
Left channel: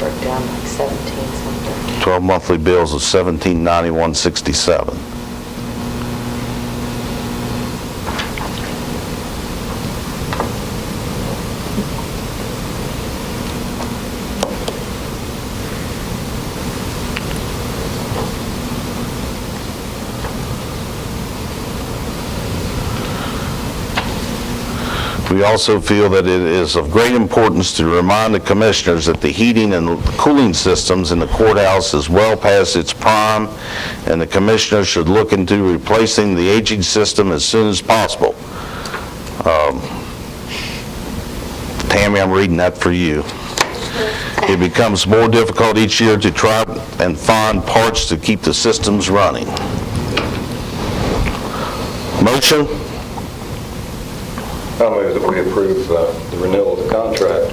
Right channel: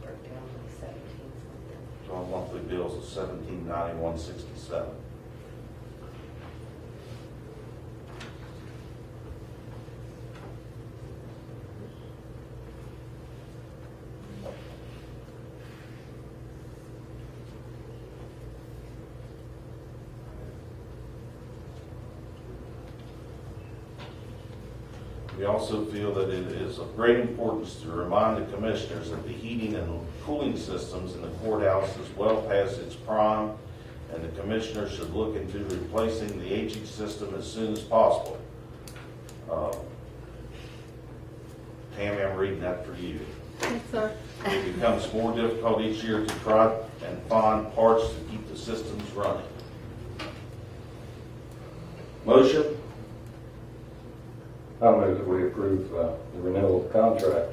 broke down like 17 something. 12 monthly bills of $1791.67. We also feel that it is of great importance to remind the commissioners that the heating and cooling systems in the courthouse is well past its prime, and the commissioners should look into replacing the aging system as soon as possible. Tammy, I'm reading that for you. It becomes more difficult each year to try and find parts to keep the systems running. Motion? I move that we approve the renewal of the contract.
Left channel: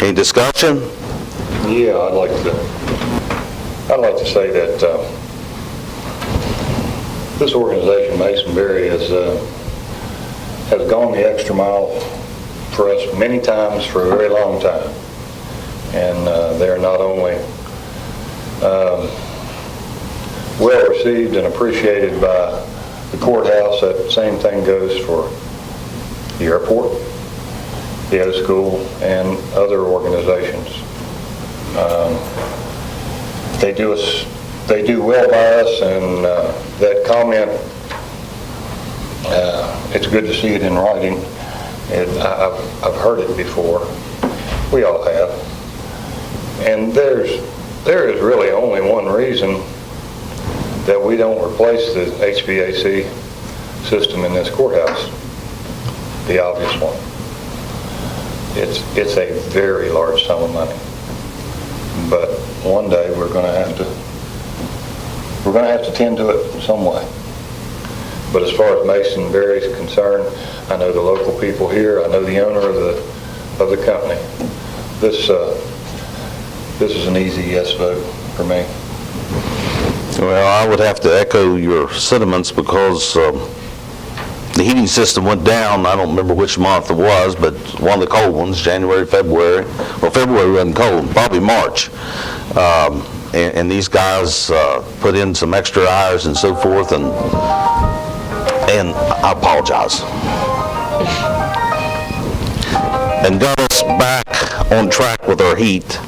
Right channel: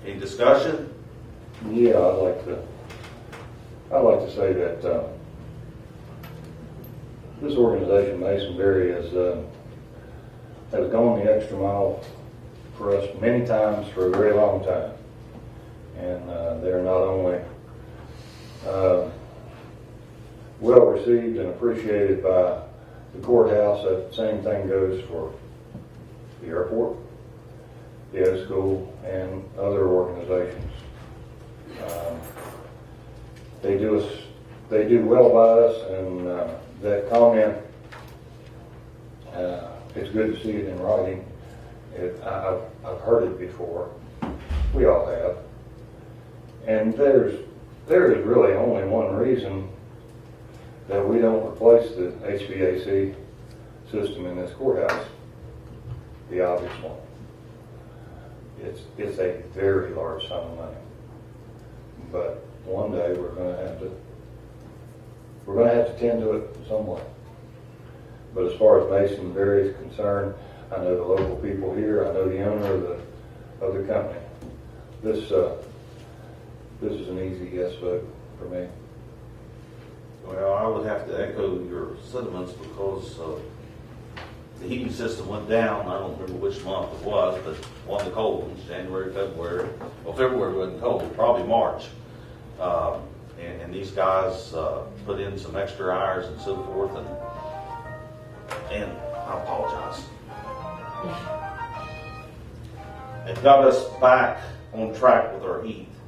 Any discussion? Yeah, I'd like to say that this organization, Masonberry, has gone the extra mile for us many times for a very long time. And they're not only well received and appreciated by the courthouse, that same thing goes for the airport, the O school, and other organizations. They do well by us, and that comment, it's good to see it in writing. I've heard it before. We all have. And there is really only one reason that we don't replace the HVAC system in this courthouse. The obvious one. It's a very large sum of money. But one day we're going to have to tend to it in some way. But as far as Masonberry is concerned, I know the local people here. I know the owner of the company. This is an easy yes vote for me. Well, I would have to echo your sentiments because the heating system went down. I don't remember which month it was, but one of the cold ones, January, February. Well, February wasn't cold, probably March. And these guys put in some extra hours and so forth, and I apologize. And got us back on track with our heat.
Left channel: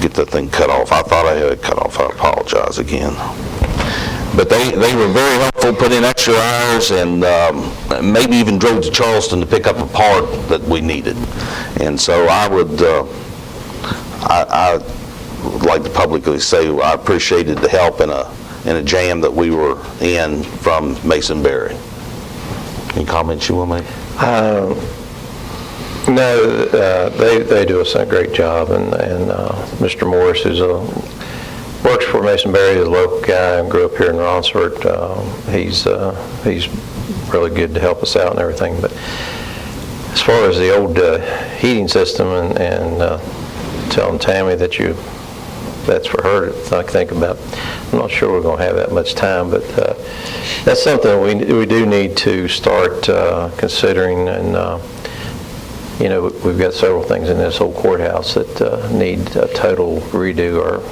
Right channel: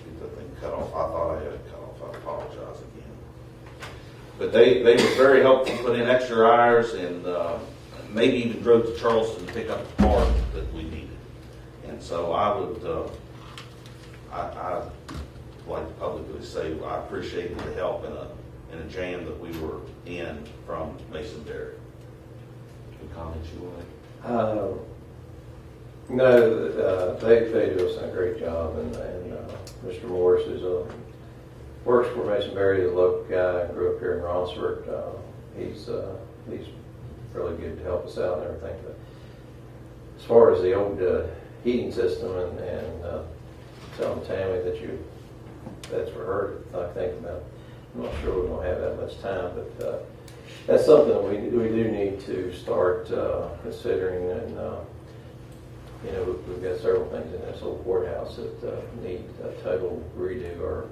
Get that thing cut off. I thought I had it cut off. I apologize again. But they were very helpful, put in extra hours, and maybe even drove to Charleston to pick up a part that we needed. And so I would like to publicly say I appreciated the help in a jam that we were in from Masonberry. Any comments you want to make? No, they do a great job, and Mr. Morris, works for Masonberry, is a local guy and grew up here in Ronsford. He's really good to help us out and everything. But as far as the old heating system and telling Tammy that's for her to think about, I'm not sure we're going to have that much time, but that's something we do need to start considering. And we've got several things in this old courthouse that need a total redo.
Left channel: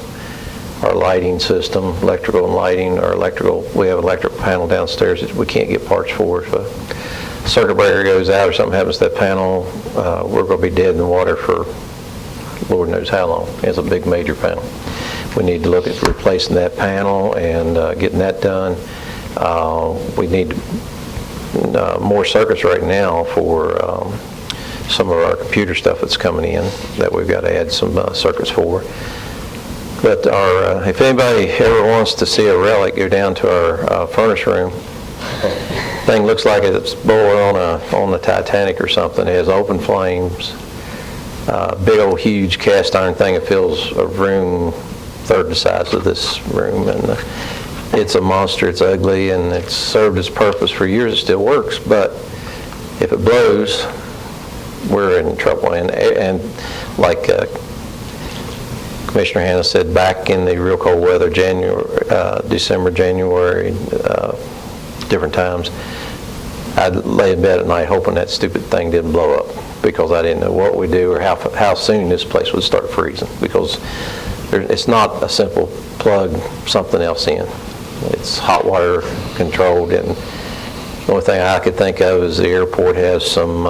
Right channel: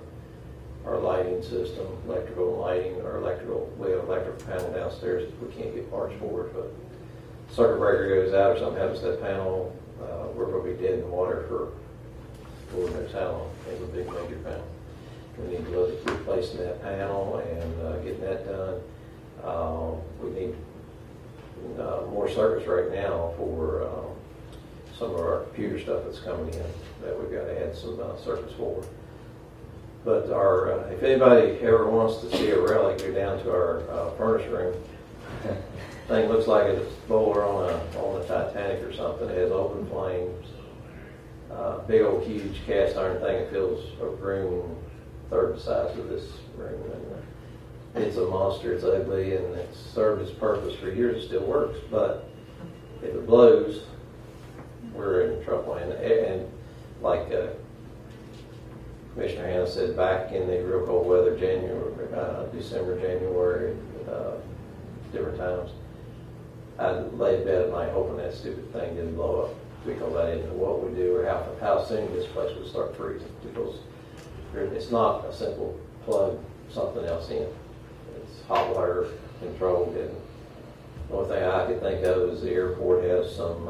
Our lighting system, electrical and lighting, we have an electrical panel downstairs that we can't get parts for. If a circuit breaker goes out or something happens to that panel, we're going to be dead in the water for Lord knows how long. It's a big major panel. We need to look at replacing that panel and getting that done. We need more circuits right now for some of our computer stuff that's coming in that we've got to add some circuits for. But if anybody ever wants to see a relic, go down to our furnace room. Thing looks like it's boiling on the Titanic or something. It has open flames, big old huge cast iron thing. It fills a room third the size of this room, and it's a monster. It's ugly, and it's served its purpose for years. It still works, but if it blows, we're in trouble. And like Commissioner Hanna said, back in the real cold weather, December, January, different times, I'd lay in bed at night hoping that stupid thing didn't blow up, because I didn't know what we'd do or how soon this place would start freezing, because it's not a simple plug something else in. It's hot water controlled, and the only thing I could think of is the airport has some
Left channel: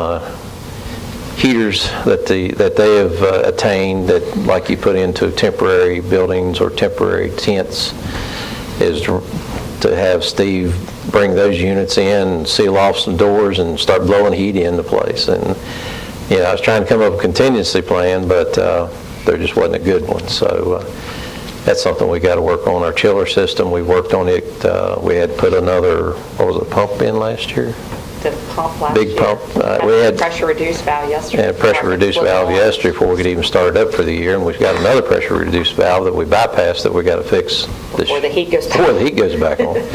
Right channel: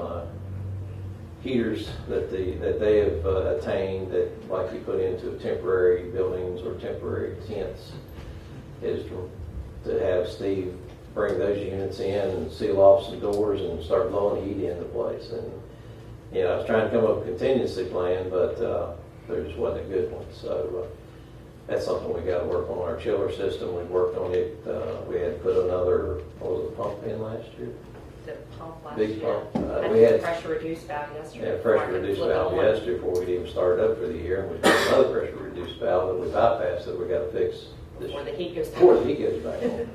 heaters that they have attained, that like you put into temporary buildings or temporary tents, is to have Steve bring those units in, seal off some doors, and start blowing heat into place. And, I was trying to come up with a contingency plan, but there just wasn't a good one. So that's something we got to work on. Our chiller system, we worked on it. We had put another, pump in last year? The pump last Big year. pump. We We had pressure reduced valve yesterday. and a pressure reduced valve yesterday before we could even start it up for the year, and we've got another pressure reduced valve that we bypassed that we got to fix Before the heat goes back. before the heat goes back on.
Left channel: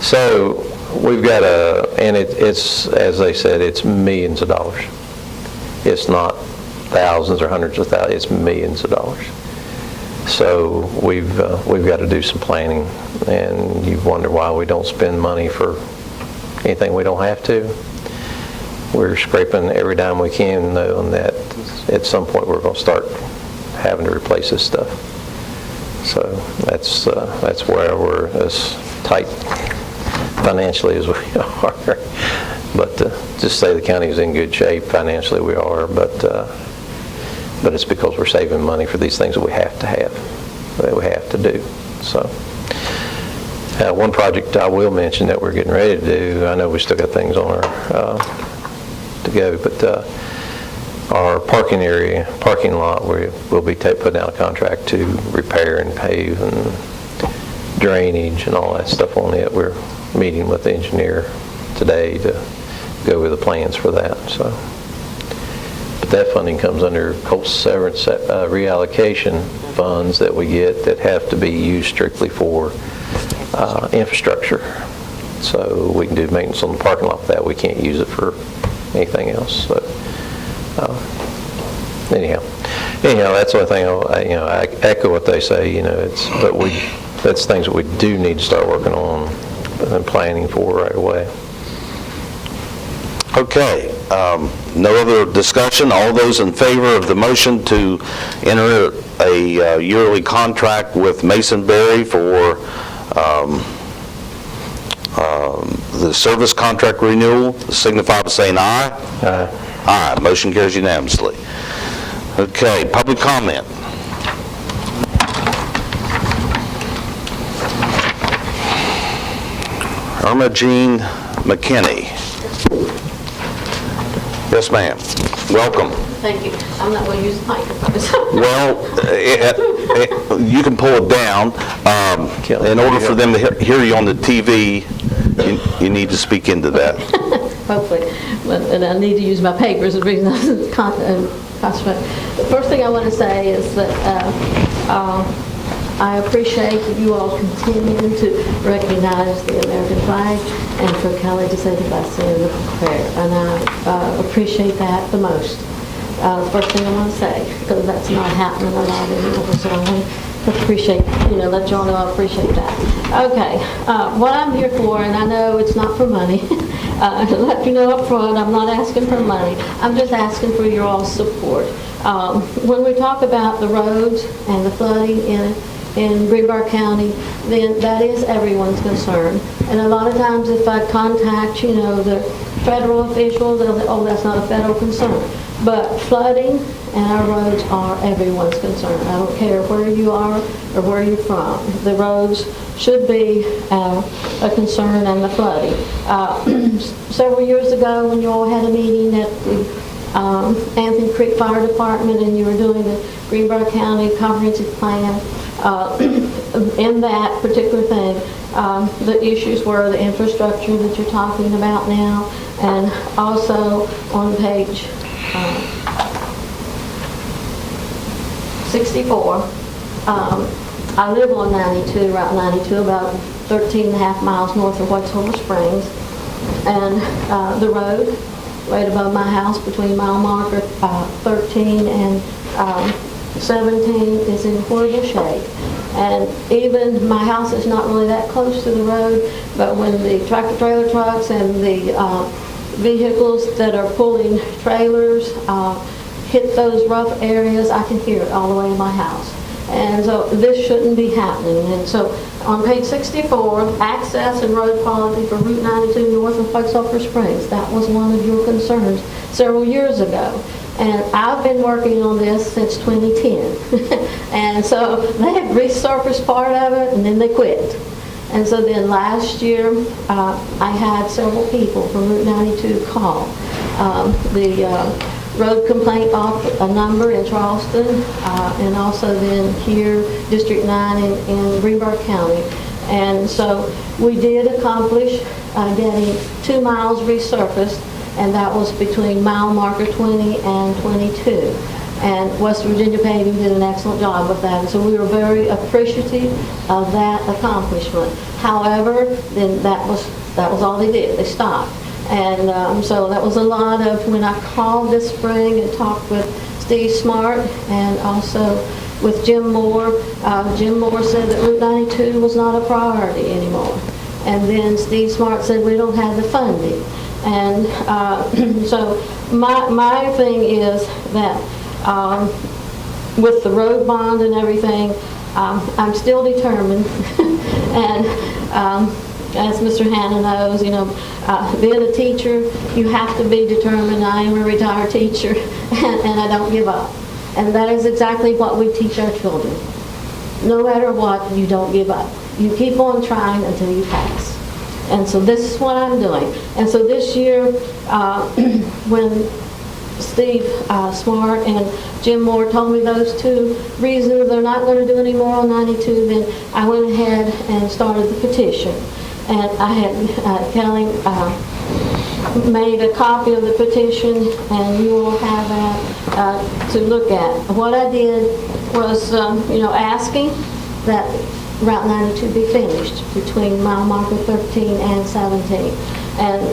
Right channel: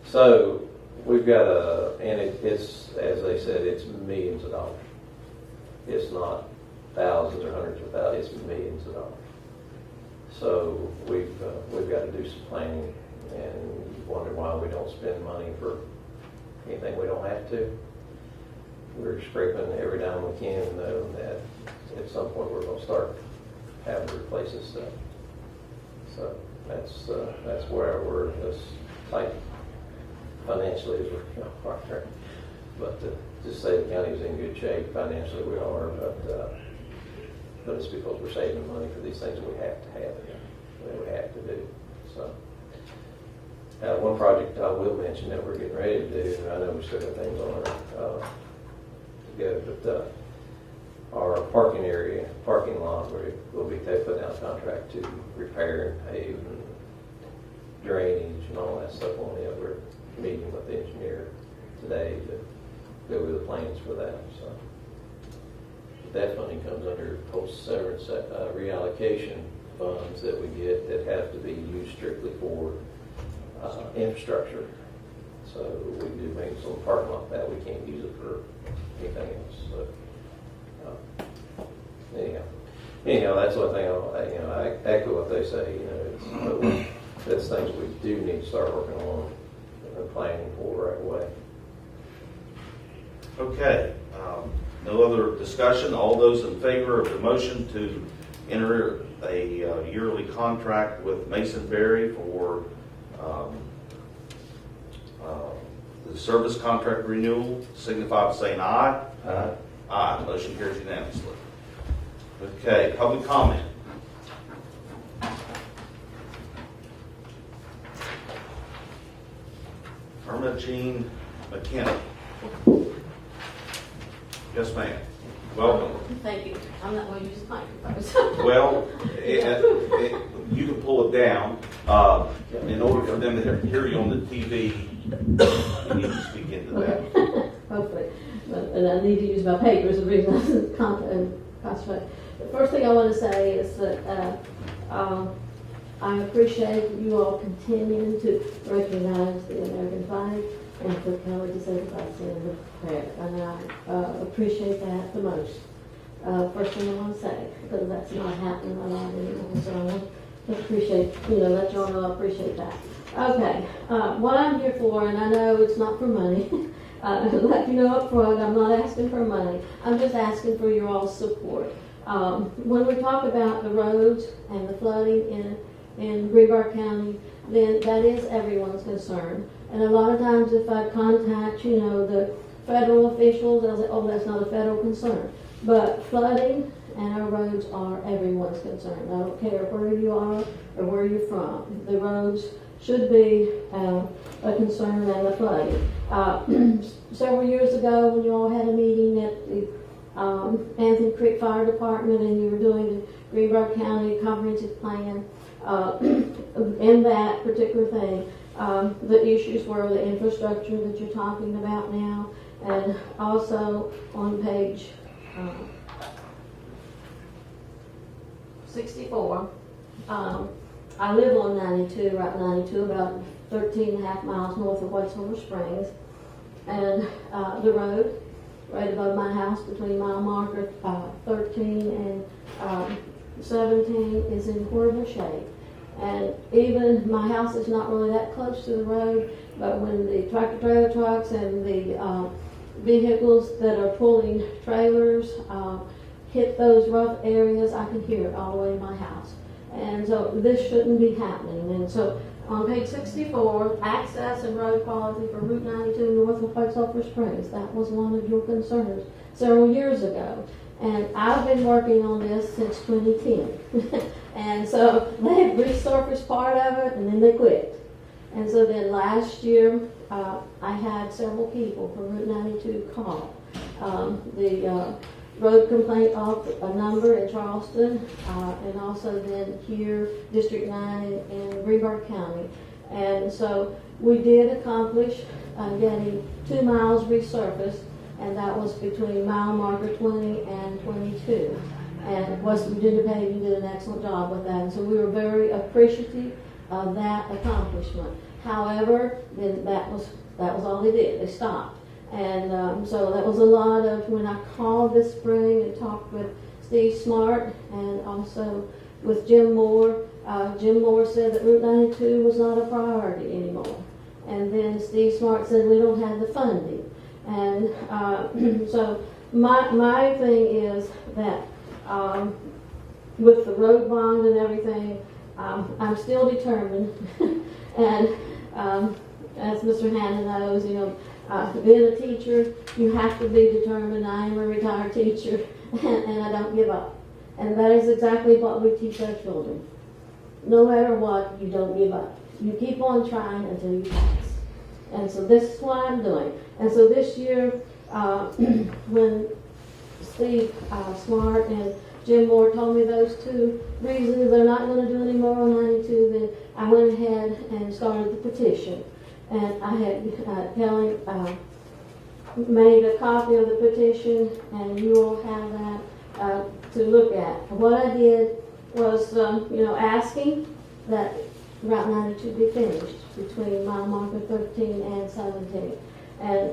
So we've got and it's, as they said, it's millions of dollars. It's not thousands or hundreds of thousands, it's millions of dollars. So we've got to do some planning, and you wonder why we don't spend money for anything we don't have to. We're scraping every dime we can, knowing that at some point we're going to start having to replace this stuff. So that's where we're as tight financially as we are. But just say the county is in good shape financially, we are. But it's because we're saving money for these things that we have to have, that we have to do. So. One project I will mention that we're getting ready to do, I know we still got things on our to go, but our parking lot, we'll be putting out a contract to repair and pave and drainage and all that stuff on it. We're meeting with the engineer today to go over the plans for that. So, but that funding comes under cost severance reallocation funds that we get that have to be used strictly for infrastructure. So we can do maintenance on the parking lot with that. We can't use it for anything else. So anyhow, that's the only thing I echo what they say. That's things that we do need to start working on and planning for right away. Okay, no other discussion. All those in favor of the motion to enter a yearly contract with Masonberry for the service contract renewal, signify by saying aye. Aye. Aye. Motion carries unanimously. Okay, public comment. Irma Jean McKinney. Yes, ma'am. Welcome. Thank you. I'm not going to use the microphone. Well, you can pull it down. In order for them to hear you on the TV, you need to speak into that. Hopefully. And I need to use my papers and read concentrate. The first thing I want to say is that I appreciate that you all continue to recognize the American flag and for Kelly to say the blessing and the prayer. And I appreciate that the most. The first thing I want to say, because that's not happening a lot anymore, so I want to appreciate, let you all know I appreciate that. Okay, what I'm here for, and I know it's not for money, to let you know up front, I'm not asking for money. I'm just asking for your all support. When we talk about the roads and the flooding in Greenbrier County, then that is everyone's concern. And a lot of times if I contact, the federal officials, they'll say, oh, that's not a federal concern. But flooding and our roads are everyone's concern. I don't care where you are or where you're from. The roads should be a concern, and the flooding. Several years ago when you all had a meeting at the Anthony Creek Fire Department and you were doing the Greenbrier County Comprehensive Plan, in that particular thing, the issues were the infrastructure that you're talking about now, and also on page 64. I live on 92, Route 92, about 13 and a half miles north of White Silver Springs, and the road right above my house between mile marker 13 and 17 is in horrible shape. And even my house is not really that close to the road, but when the tractor trailer trucks and the vehicles that are pulling trailers hit those rough areas, I can hear it all the way in my house. And so this shouldn't be happening. And so on page 64, access and road quality for Route 92 north of White Sulphur Springs. That was one of your concerns several years ago. And I've been working on this since 2010. And so they had resurfaced part of it and then they quit. And so then last year, I had several people from Route 92 call. The road complaint off a number in Charleston, and also then here, District 9 in Greenbrier County. And so we did accomplish getting 2 miles resurfaced, and that was between mile marker 20 and 22. And West Virginia Paving did an excellent job with that. And so we were very appreciative of that accomplishment. However, then that was all they did. They stopped. And so that was a lot of, when I called this spring and talked with Steve Smart and also with Jim Moore said that Route 92 was not a priority anymore. And then Steve Smart said we don't have the funding. And so my thing is that with the road bond and everything, I'm still determined. And as Mr. Hanna knows, being a teacher, you have to be determined. I am a retired teacher, and I don't give up. And that is exactly what we teach our children. No matter what, you don't give up. You keep on trying until you pass. And so this is what I'm doing. And so this year, when Steve Smart and Jim Moore told me those 2 reasons they're not going to do any more on 92, then I went ahead and started the petition. And I had Kelly made a copy of the petition, and you will have that to look at. What I did was, asking that Route 92 be finished between mile marker 13 and 17. And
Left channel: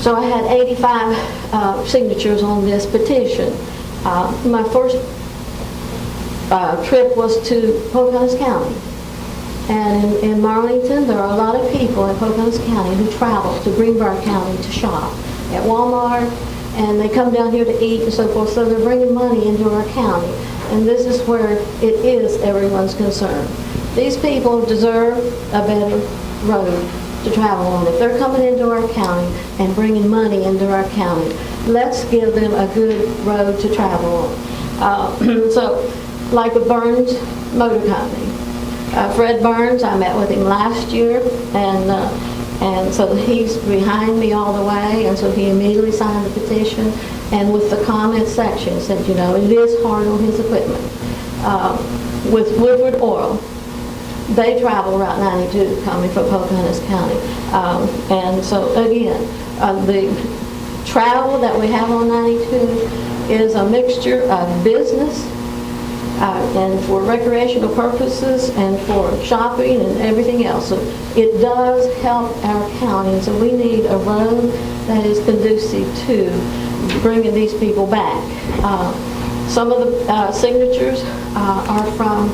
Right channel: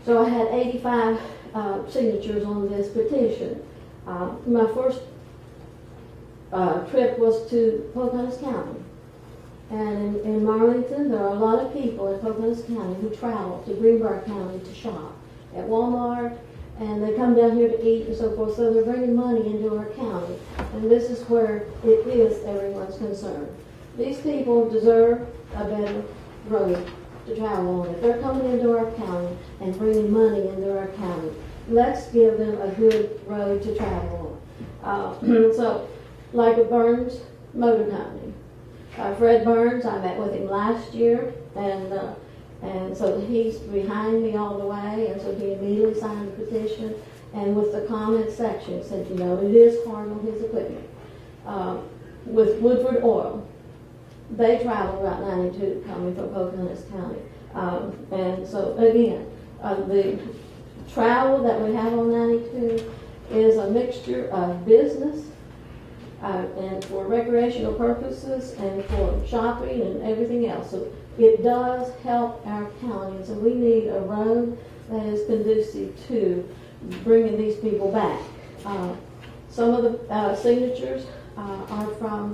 so I had 85 signatures on this petition. My first trip was to Pocahontas County. And in Marlington, there are a lot of people in Pocahontas County who travel to Greenbrier County to shop at Walmart, and they come down here to eat and so forth, so they're bringing money into our county. And this is where it is everyone's concern. These people deserve a better road to travel on. If they're coming into our county and bringing money into our county, let's give them a good road to travel on. So, like with Burns Motor Company, Fred Burns, I met with him last year, and so he's behind me all the way, and so he immediately signed the petition, and with the comment section said, it is hard on his equipment. With Woodward Oil, they travel Route 92 coming from Pocahontas County. And so again, the travel that we have on 92 is a mixture of business, and for recreational purposes and for shopping and everything else. So it does help our county, and so we need a road that is conducive to bringing these people back. Some of the signatures are from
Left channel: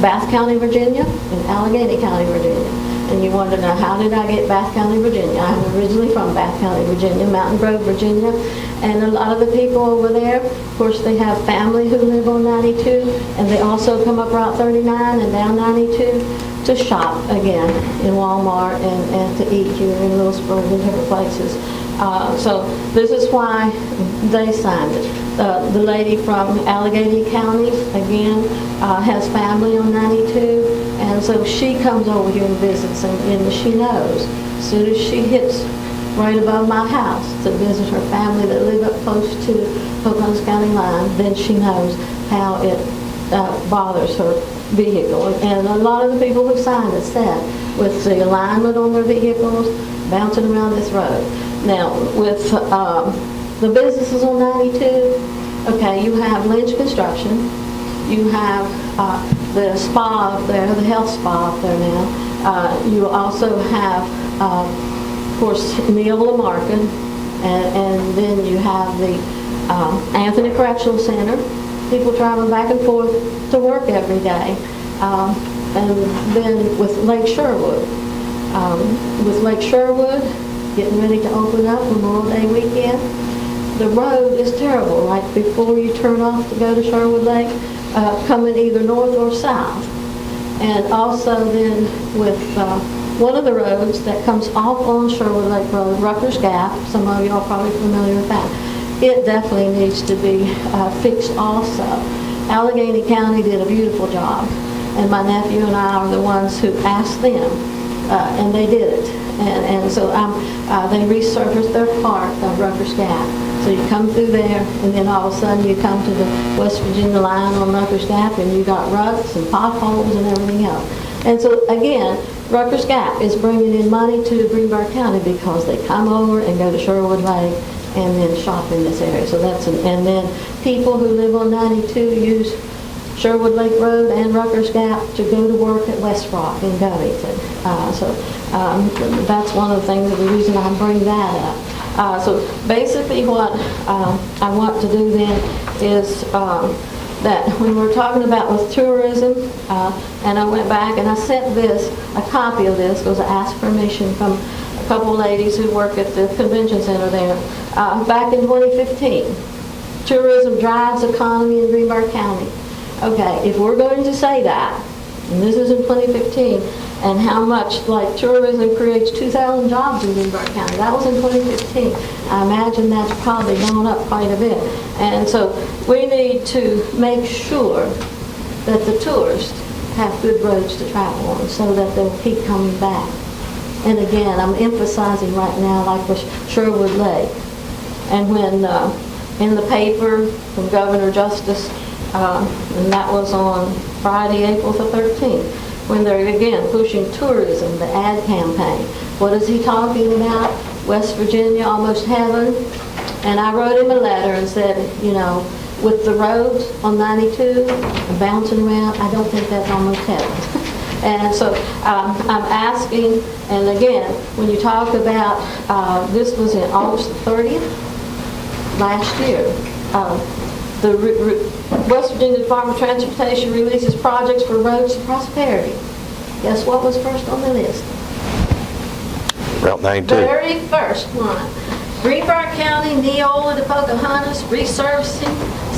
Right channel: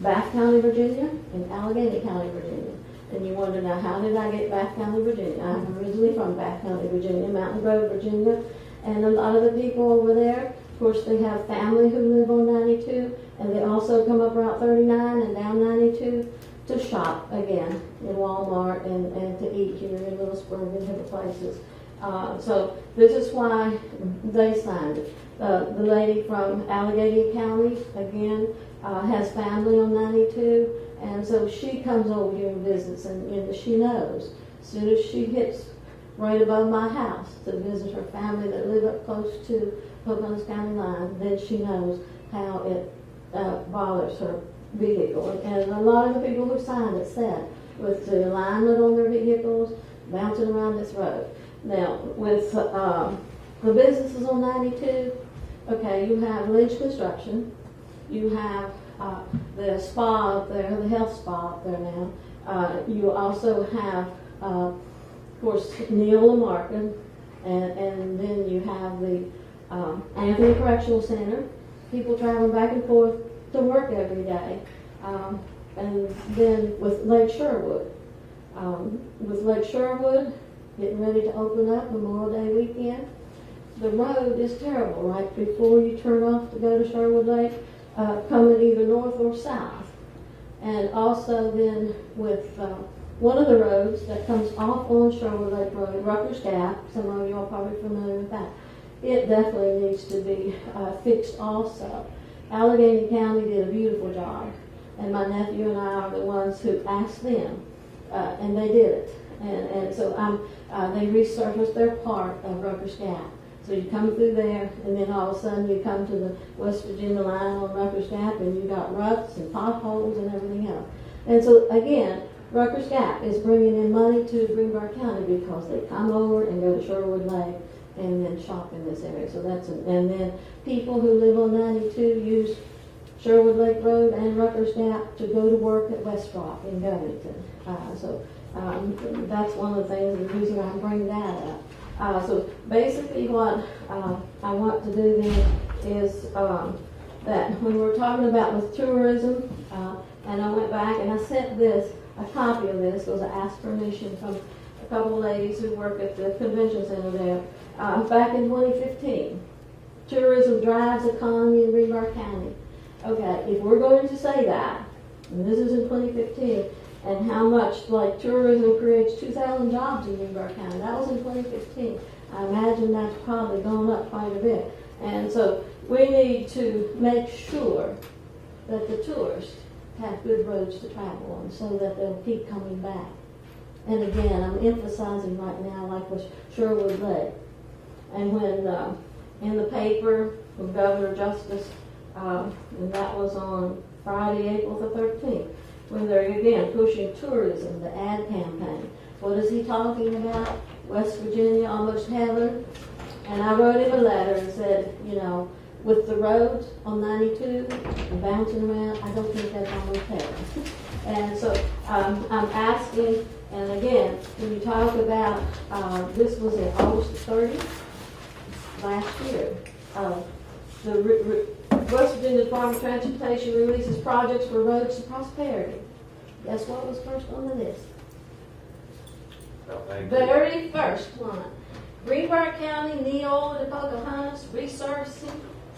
Bath County, Virginia, and Allegheny County, Virginia. And you want to know, how did I get Bath County, Virginia? I'm originally from Bath County, Virginia, Mountain Grove, Virginia. And a lot of the people over there, of course, they have family who live on 92, and they also come up Route 39 and down 92 to shop again in Walmart and to eat here in Lewisburg and different places. So this is why they signed it. The lady from Allegheny County, again, has family on 92, and so she comes over here and visits, and she knows. As soon as she hits right above my house to visit her family that live up close to Pocahontas County line, then she knows how it bothers her vehicle. And a lot of the people who signed it said, with the alignment on their vehicles, bouncing around this road. Now, with the businesses on 92, okay, you have Lynch Construction, you have the spa up there, the health spa up there now. You also have, of course, Neola Market, and then you have the Anthony Correctional Center. People travel back and forth to work every day. And then with Lake Sherwood. Getting ready to open up Memorial Day weekend, the road is terrible, right before you turn off to go to Sherwood Lake, coming either north or south. And also then with one of the roads that comes off on Sherwood Lake Road, Rucker's Gap, some of you are probably familiar with that, it definitely needs to be fixed also. Allegheny County did a beautiful job. and my nephew and I are the ones who asked them, and they did it. And so they resurfaced their part of Rucker's Gap. So you come through there, and then all of a sudden you come to the West Virginia line on Rucker's Gap, and you got ruts and potholes and everything else. And so again, Rucker's Gap is bringing in money to Greenbrier County because they come over and go to Sherwood Lake and then shop in this area. So and then people who live on 92 use Sherwood Lake Road and Rucker's Gap to go to work at West Rock in Covington. That's one of the things, the reason I bring that up. So basically what I want to do then is that when we're talking about with tourism, and I went back and I sent a copy of this because I asked permission from a couple ladies who work at the convention center there, back in 2015. Tourism drives economy in Greenbrier County. Okay, if we're going to say that, and this is in 2015, and how much like tourism creates 2,000 jobs in Greenbrier County, that was in 2015. I imagine that's probably gone up quite a bit. And so we need to make sure that the tourists have good roads to travel on so that they'll keep coming back. And again, I'm emphasizing right now like with Sherwood Lake. And when in the paper from Governor Justice, and that was on Friday, April the 13th, when they're again pushing tourism, the ad campaign. What is he talking about? West Virginia, almost heaven. And I wrote him a letter and said, you know, with the roads on 92 and bouncing around, I don't think that's almost heaven. And so I'm asking, and again, when you talk about, this was in August the 30th, last year, the West Virginia Department of Transportation releases projects for roads to prosperity. Guess what was first on the list? Route 92. Very first one. Greenbrier County, Neola to Pocahontas, resurfacing,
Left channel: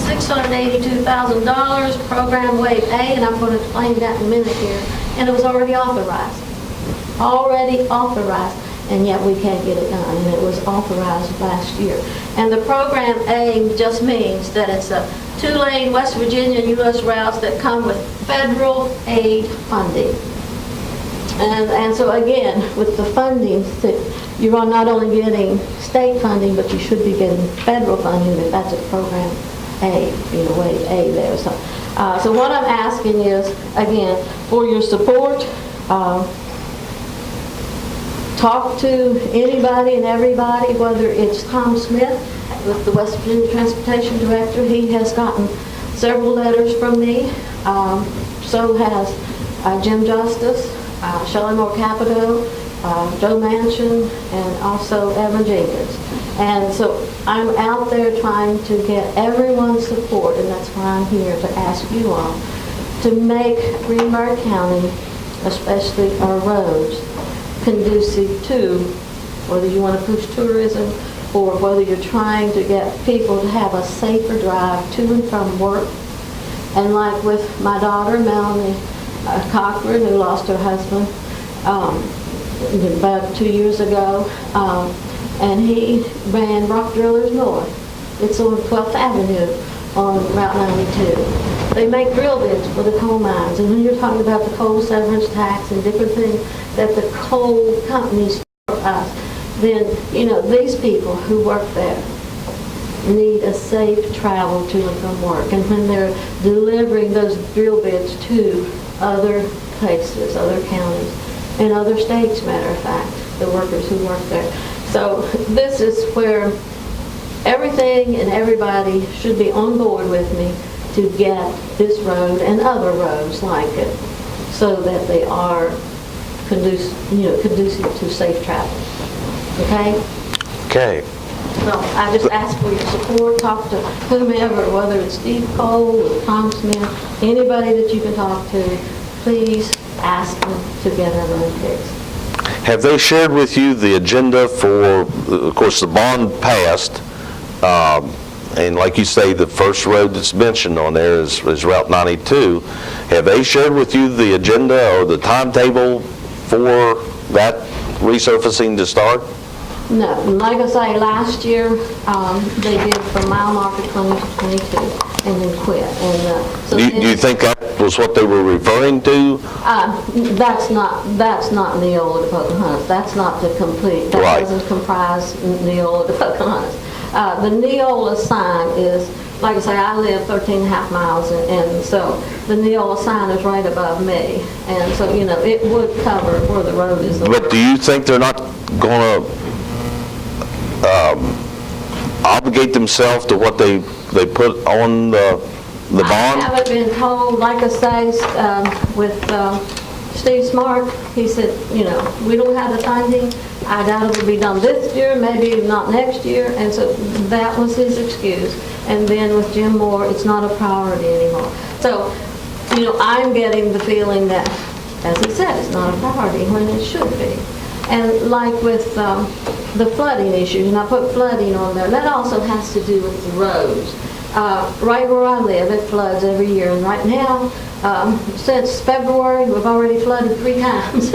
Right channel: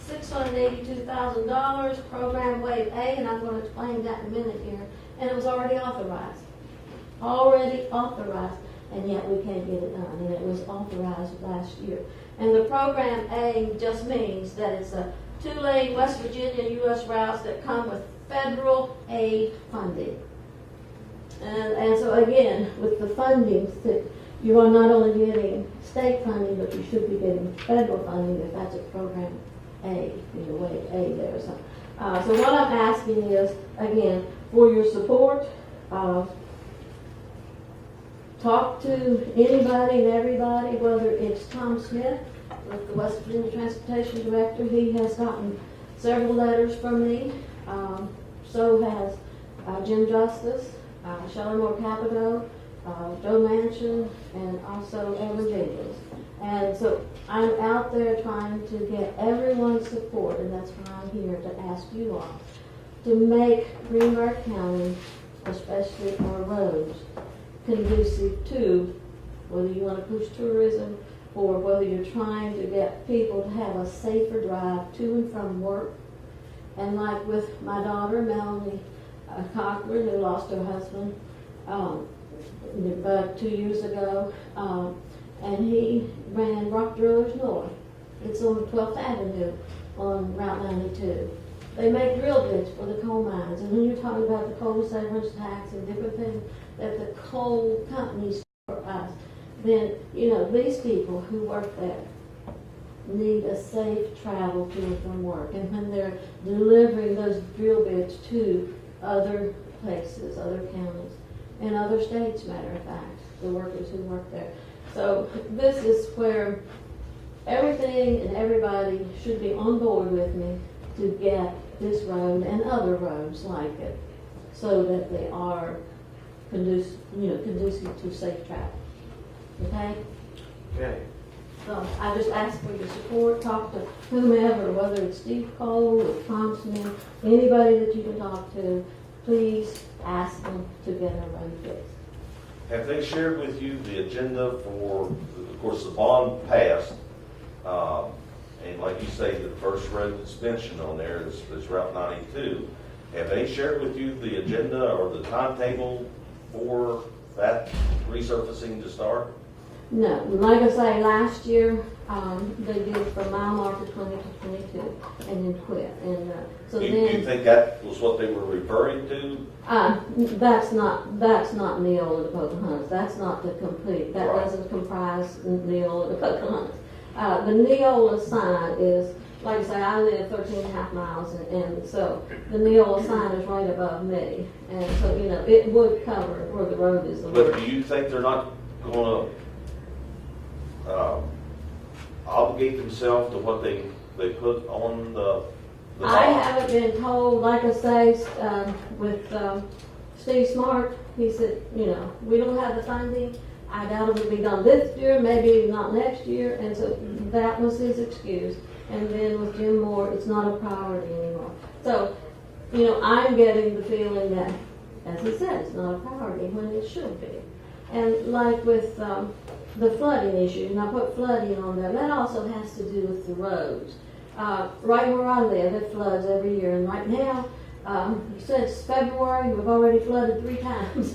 $682,000, program wave A, and I'm going to explain that in a minute here. And it was already authorized. Already authorized. And yet we can't get it done, and it was authorized last year. And the program A just means that it's a 2-lane West Virginia U.S. routes that come with federal aid funding. And so again, with the funding, you're not only getting state funding, but you should be getting federal funding if that's a program A, wave A there. So what I'm asking is, again, for your support. Talk to anybody and everybody, whether it's Tom Smith with the West Virginia Transportation Director. He has gotten several letters from me. So has Jim Justice, Shelley Moore Capito, Joe Manchin, and also Evan Jenkins. And so I'm out there trying to get everyone's support, and that's why I'm here to ask you all to make Greenbrier County, especially our roads, conducive to whether you want to push tourism or whether you're trying to get people to have a safer drive to and from work. And like with my daughter, Melanie Cochran, who lost her husband about 2 years ago, and he ran Rock Drillers North. It's on 12th Avenue on Route 92. They make drill bits for the coal mines, and when you're talking about the coal severance tax and different things that the coal companies for us, then, these people who work there need a safe travel to and from work. And when they're delivering those drill bits to other places, other counties, and other states, matter of fact, the workers who work there. So this is where everything and everybody should be on board with me to get this road and other roads like it so that they are conducive to safe travel. Okay? Okay. So I just ask for your support. Talk to whomever, whether it's Steve Cole or Tom Smith, anybody that you can talk to. Please ask them to get our road fixed. Have they shared with you the agenda for, of course, the bond passed, and like you say, the first road that's mentioned on there is Route 92. Have they shared with you the agenda or the timetable for that resurfacing to start? No, like I say, last year they did from mile marker 20 to 22. and then quit. And so Do you think that was what they were referring to? that's not Neola to Pocahontas. That's not the complete. That Right. doesn't comprise Neola to Pocahontas. The Neola sign is, like I say, I live 13 and a half miles, and so the Neola sign is right above me, and so it would cover where the road is. But do you think they're not going to obligate themselves to what they put on the I bond? haven't been told, like I say, with Steve Smart, he said, we don't have the funding. I doubt it'll be done this year, maybe not next year, and so that was his excuse. And then with Jim Moore, it's not a priority anymore. So, I'm getting the feeling that, as he said, it's not a priority when it should be. And like with the flooding issues, and I put flooding on there, that also has to do with the roads. Right where I live, it floods every year, and right now, since February, we've already flooded 3 times.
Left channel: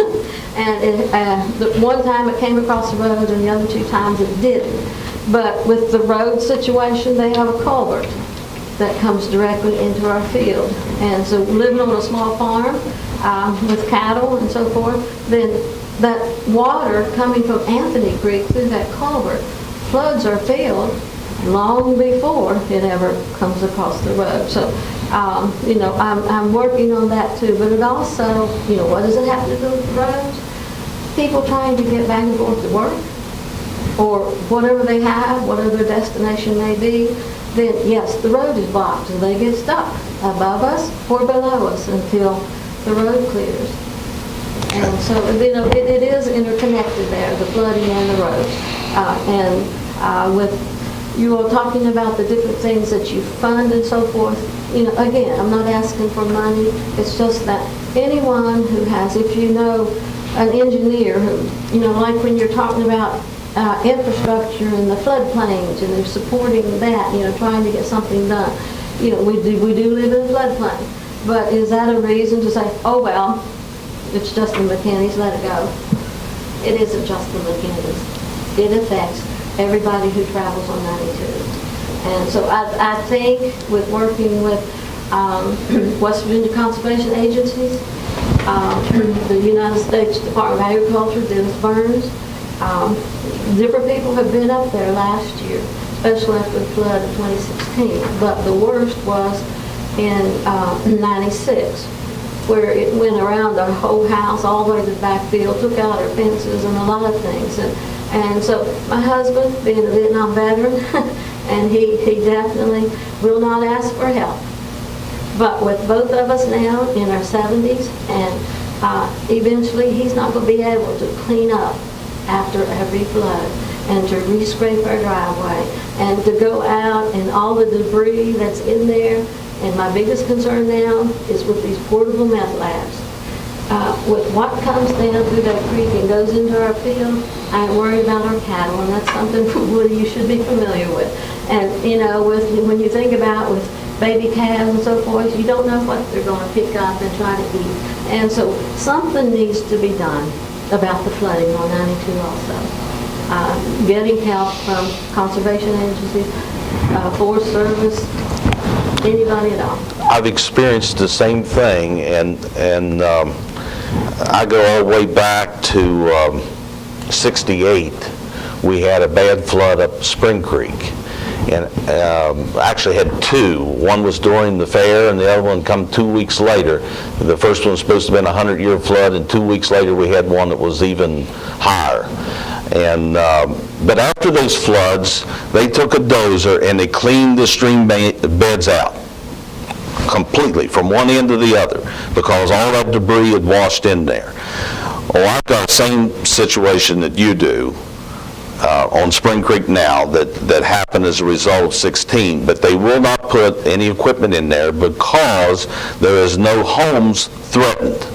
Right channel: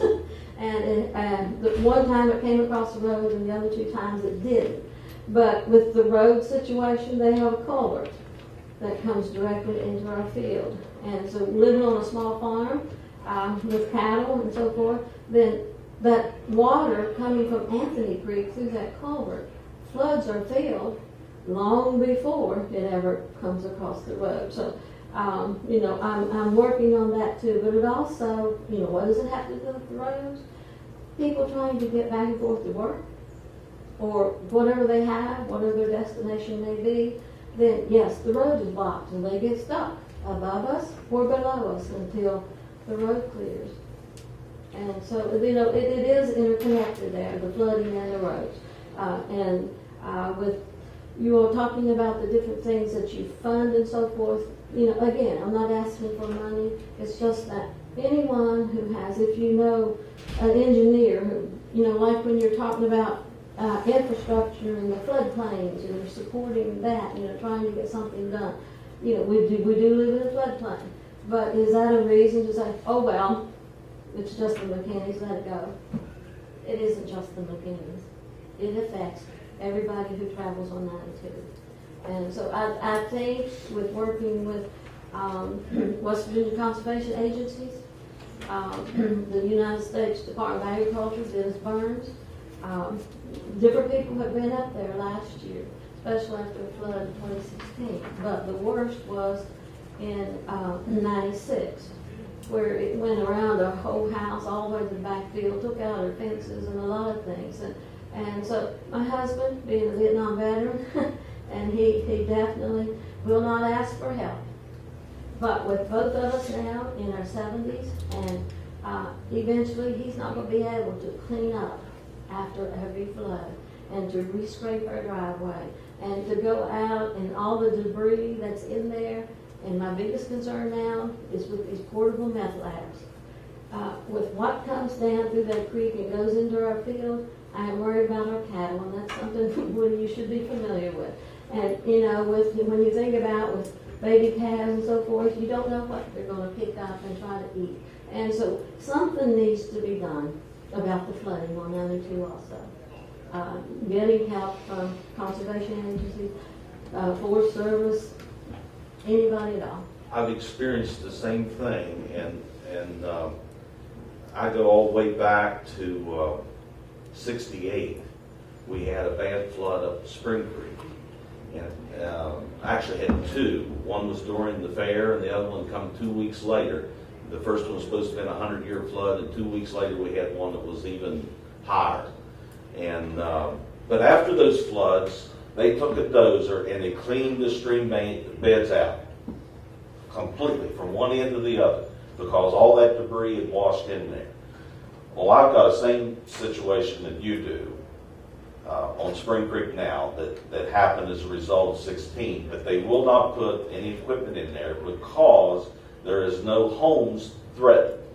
And the one time it came across the road, and the other 2 times it didn't. But with the road situation, they have a culvert that comes directly into our field. And so living on a small farm with cattle and so forth, then that water coming from Anthony Creek through that culvert floods our field long before it ever comes across the road. So, I'm working on that too. But it also, what does it have to do with the roads? People trying to get back and forth to work, or whatever they have, whatever their destination may be, then yes, the road is blocked and they get stuck above us or below us until the road clears. And so, it is interconnected there, the flooding and the roads. With you all talking about the different things that you fund and so forth, again, I'm not asking for money. It's just that anyone who has, if you know an engineer who, like when you're talking about infrastructure and the floodplains, and they're supporting that, trying to get something done. We do live in a floodplain, but is that a reason to say, oh well, it's just the McKinneys, let it go? It isn't just the McKinneys. It affects everybody who travels on 92. And so I think with working with West Virginia conservation agencies, the United States Department of Agriculture, Dennis Burns, different people have been up there last year, especially after the flood of 2016. But the worst was in 96, where it went around our whole house, all the way to the back field, took out our fences and a lot of things. And so my husband, being a Vietnam veteran, and he definitely will not ask for help. But with both of us now in our 70s, and eventually he's not going to be able to clean up after every flood and to re-scrape our driveway and to go out and all the debris that's in there. And my biggest concern now is with these portable meth labs. With what comes down through that creek and goes into our field, I ain't worried about our cattle, and that's something, Woody, you should be familiar with. And, when you think about with baby calves and so forth, you don't know what they're going to pick up and try to eat. And so something needs to be done about the flooding on 92 also. Getting help from conservation agencies, Forest Service, anybody at all. I've experienced the same thing, and I go all the way back to 68. We had a bad flood up Spring Creek, and actually had 2. One was during the fair, and the other one come 2 weeks later. The first one was supposed to have been a 100-year flood, and 2 weeks later we had one that was even higher. And but after those floods, they took a dozer and they cleaned the stream beds out completely from one end to the other, because all that debris had washed in there. Oh, I've got the same situation that you do on Spring Creek now that happened as a result of 16, but they will not put any equipment in there because there is no homes threatened.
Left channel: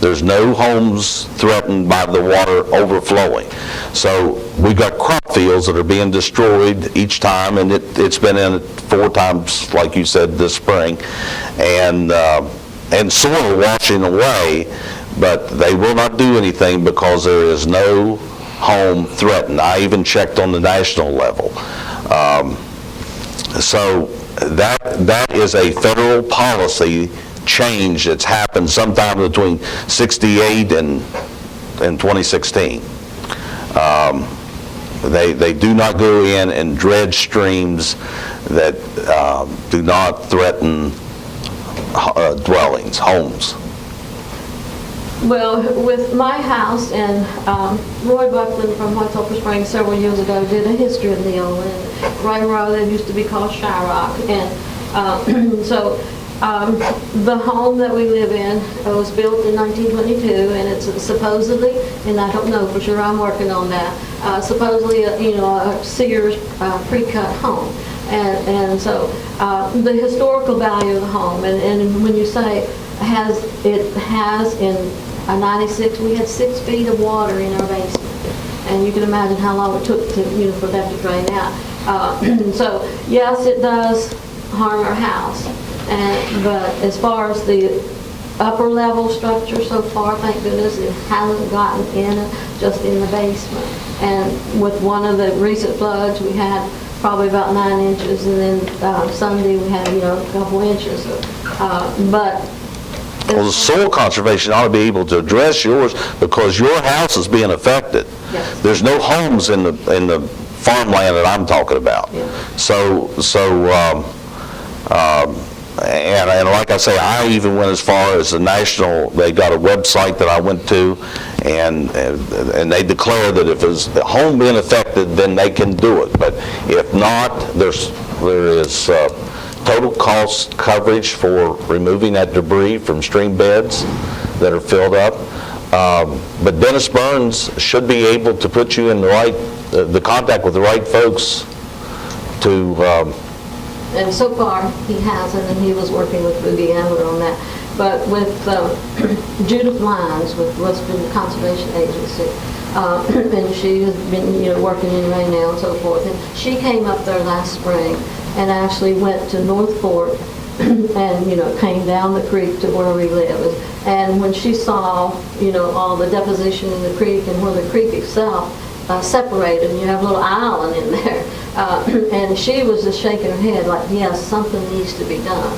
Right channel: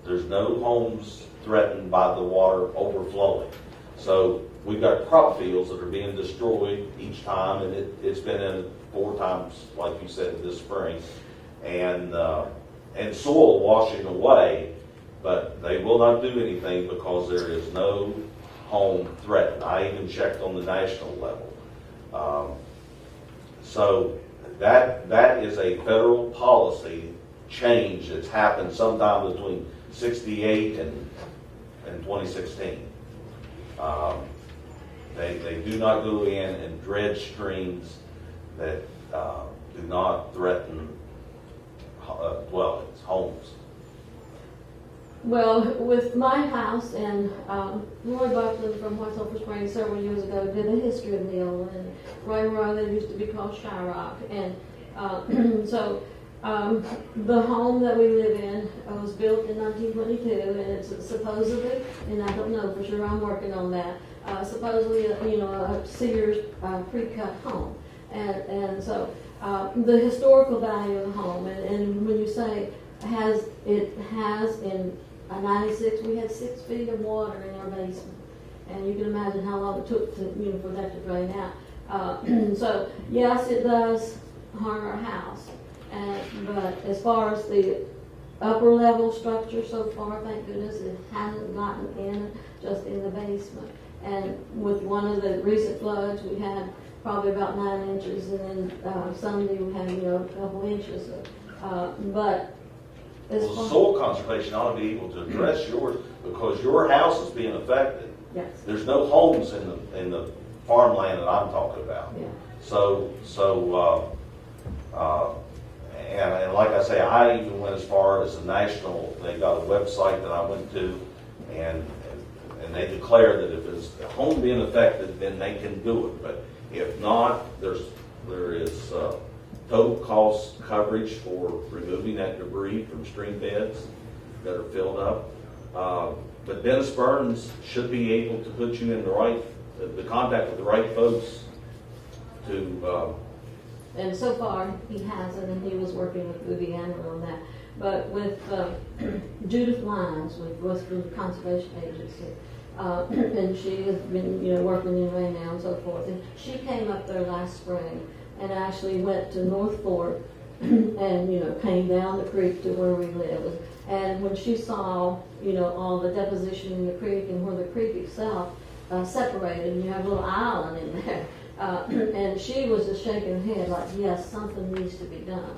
There's no homes threatened by the water overflowing. So we've got crop fields that are being destroyed each time, and it's been in it 4 times, like you said, this spring, and soil washing away, but they will not do anything because there is no home threatened. I even checked on the national level. So That is a federal policy change that's happened sometime between 68 and 2016. They do not go in and dredge streams that do not threaten dwellings, homes. Well, with my house, and Roy Buckland from White Sulphur Springs several years ago did a history of Neil, and right where that used to be called Shyrock. And so the home that we live in was built in 1922, and it's supposedly, and I don't know for sure, I'm working on that, supposedly a Sears pre-cut home. And so the historical value of the home, and when you say it has in 96, we had 6 feet of water in our basement, and you can imagine how long it took to for that to drain out. So yes, it does harm our house, but as far as the upper level structure so far, thank goodness it hasn't gotten in it, just in the basement. And with one of the recent floods, we had probably about 9 inches, and then Sunday we had a couple inches. But Well, the soil conservation ought to be able to address yours because your house is being affected. Yes. There's no homes in the farmland that I'm talking about. Yeah. And like I say, I even went as far as they got a website that I went to, and they declared that if it's the home being affected, then they can do it. But if not, there is total cost coverage for removing that debris from stream beds that are filled up. But Dennis Burns should be able to put you in the contact with the right folks to. And so far, he hasn't, and he was working with Ruby Ambler on that. But with Judith Lyons with Western Conservation Agency, and she has been, working in Ray now and so forth. And she came up there last spring and actually went to North Fork and, came down the creek to where we live. And when she saw, all the deposition in the creek and where the creek itself separated, and you have a little island in there. And she was just shaking her head like, yes, something needs to be done.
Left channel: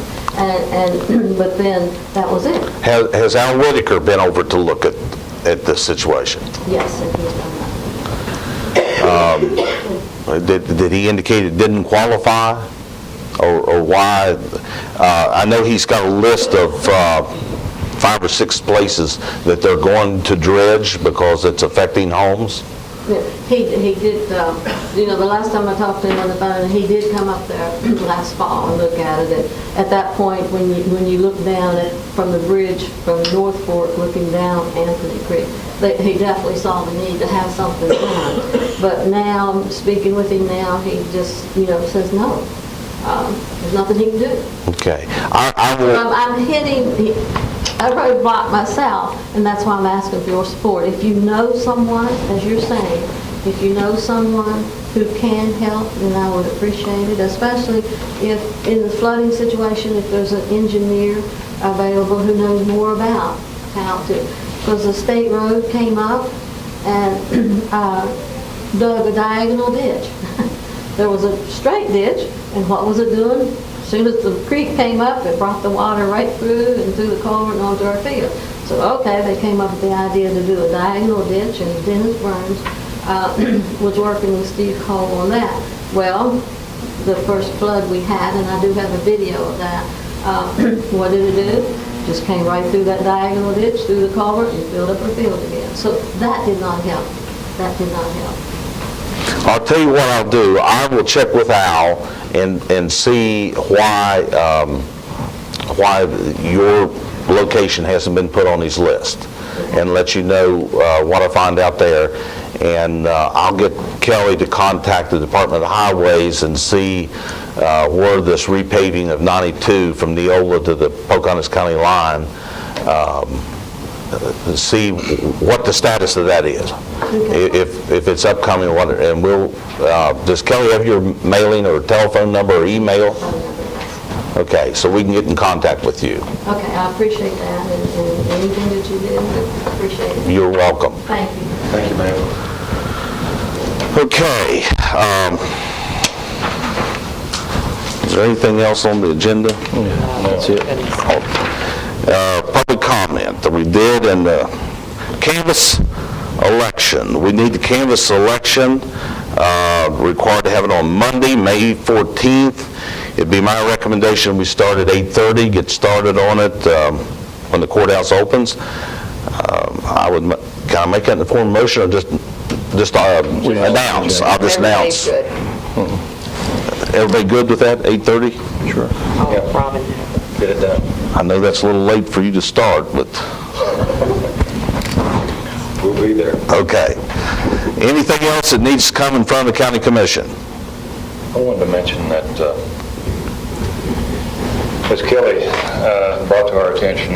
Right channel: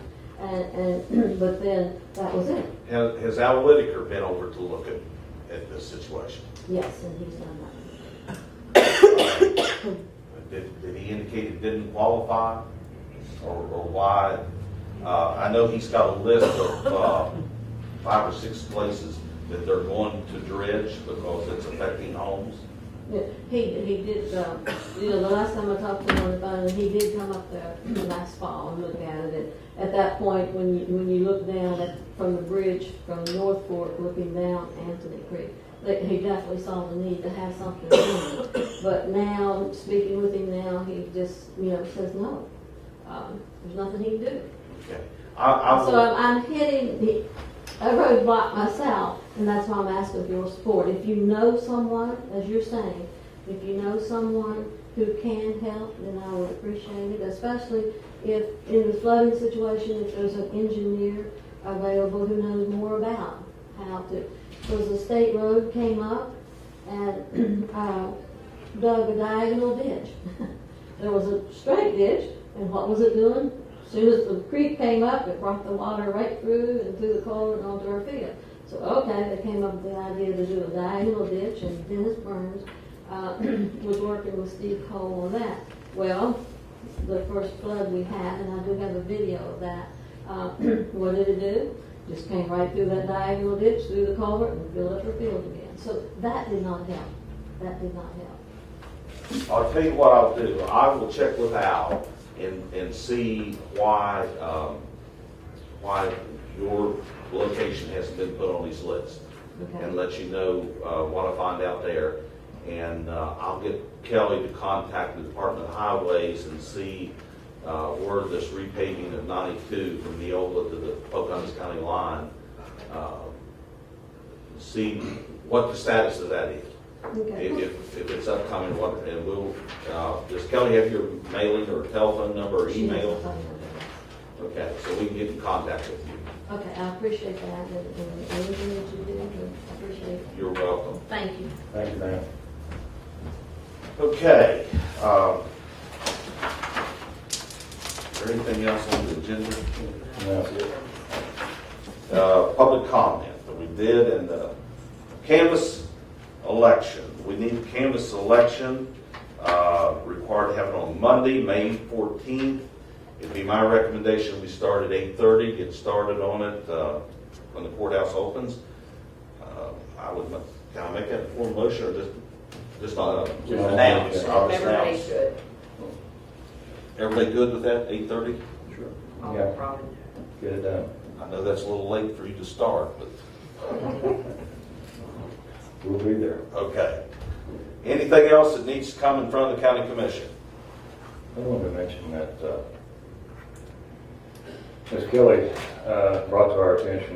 But then that was it. Has Al Whitaker been over to look at this situation? Yes, and he's done that. Did he indicate it didn't qualify? Or why? I know he's got a list of 5 or 6 places that they're going to dredge because it's affecting homes. Yeah, he did, the last time I talked to him on the phone, he did come up there last fall and look at it. At that point, when you look down from the bridge from North Fork looking down Anthony Creek, he definitely saw the need to have something done. But now, speaking with him now, he just, says no. There's nothing he can do. Okay. I will. I'm hitting a roadblock myself, and that's why I'm asking for your support. If you know someone, as you're saying, if you know someone who can help, then I would appreciate it, especially if in the flooding situation, if there's an engineer available who knows more about how to. Because the state road came up and dug a diagonal ditch. There was a straight ditch, and what was it doing? As soon as the creek came up, it brought the water right through and through the culvert and onto our field. So, okay, they came up with the idea to do a diagonal ditch, and Dennis Burns was working with Steve Cole on that. Well, the first flood we had, and I do have a video of that, what did it do? Just came right through that diagonal ditch, through the culvert, and filled up our field again. So that did not help. That did not help. I'll tell you what I'll do. I will check with Al and see why your location hasn't been put on his list, and let you know what I find out there. And I'll get Kelly to contact the Department of Highways and see where this repaving of 92 from Neola to the Pocahontas County line, see what the status of that is. Okay. If it's upcoming, and we'll, does Kelly have your mailing or telephone number or email? Okay, so we can get in contact with you. Okay, I appreciate that, and anything that you did, I appreciate it. You're welcome. Thank you. Thank you, ma'am. Okay. Is there anything else on the agenda? That's it. Public comment that we did in the canvas election. We need the canvas election, required to have it on Monday, May 14th. It'd be my recommendation we start at 8:30, get started on it when the courthouse opens. I would, can I make that in the form of motion or just announce? I'll just announce. Everybody good with that, 8:30? Sure. Oh, Robin. Get it done. I know that's a little late for you to start, but, We'll be there. okay. Anything else that needs to come in front of the county commission? I wanted to mention that, as Kelly brought to our attention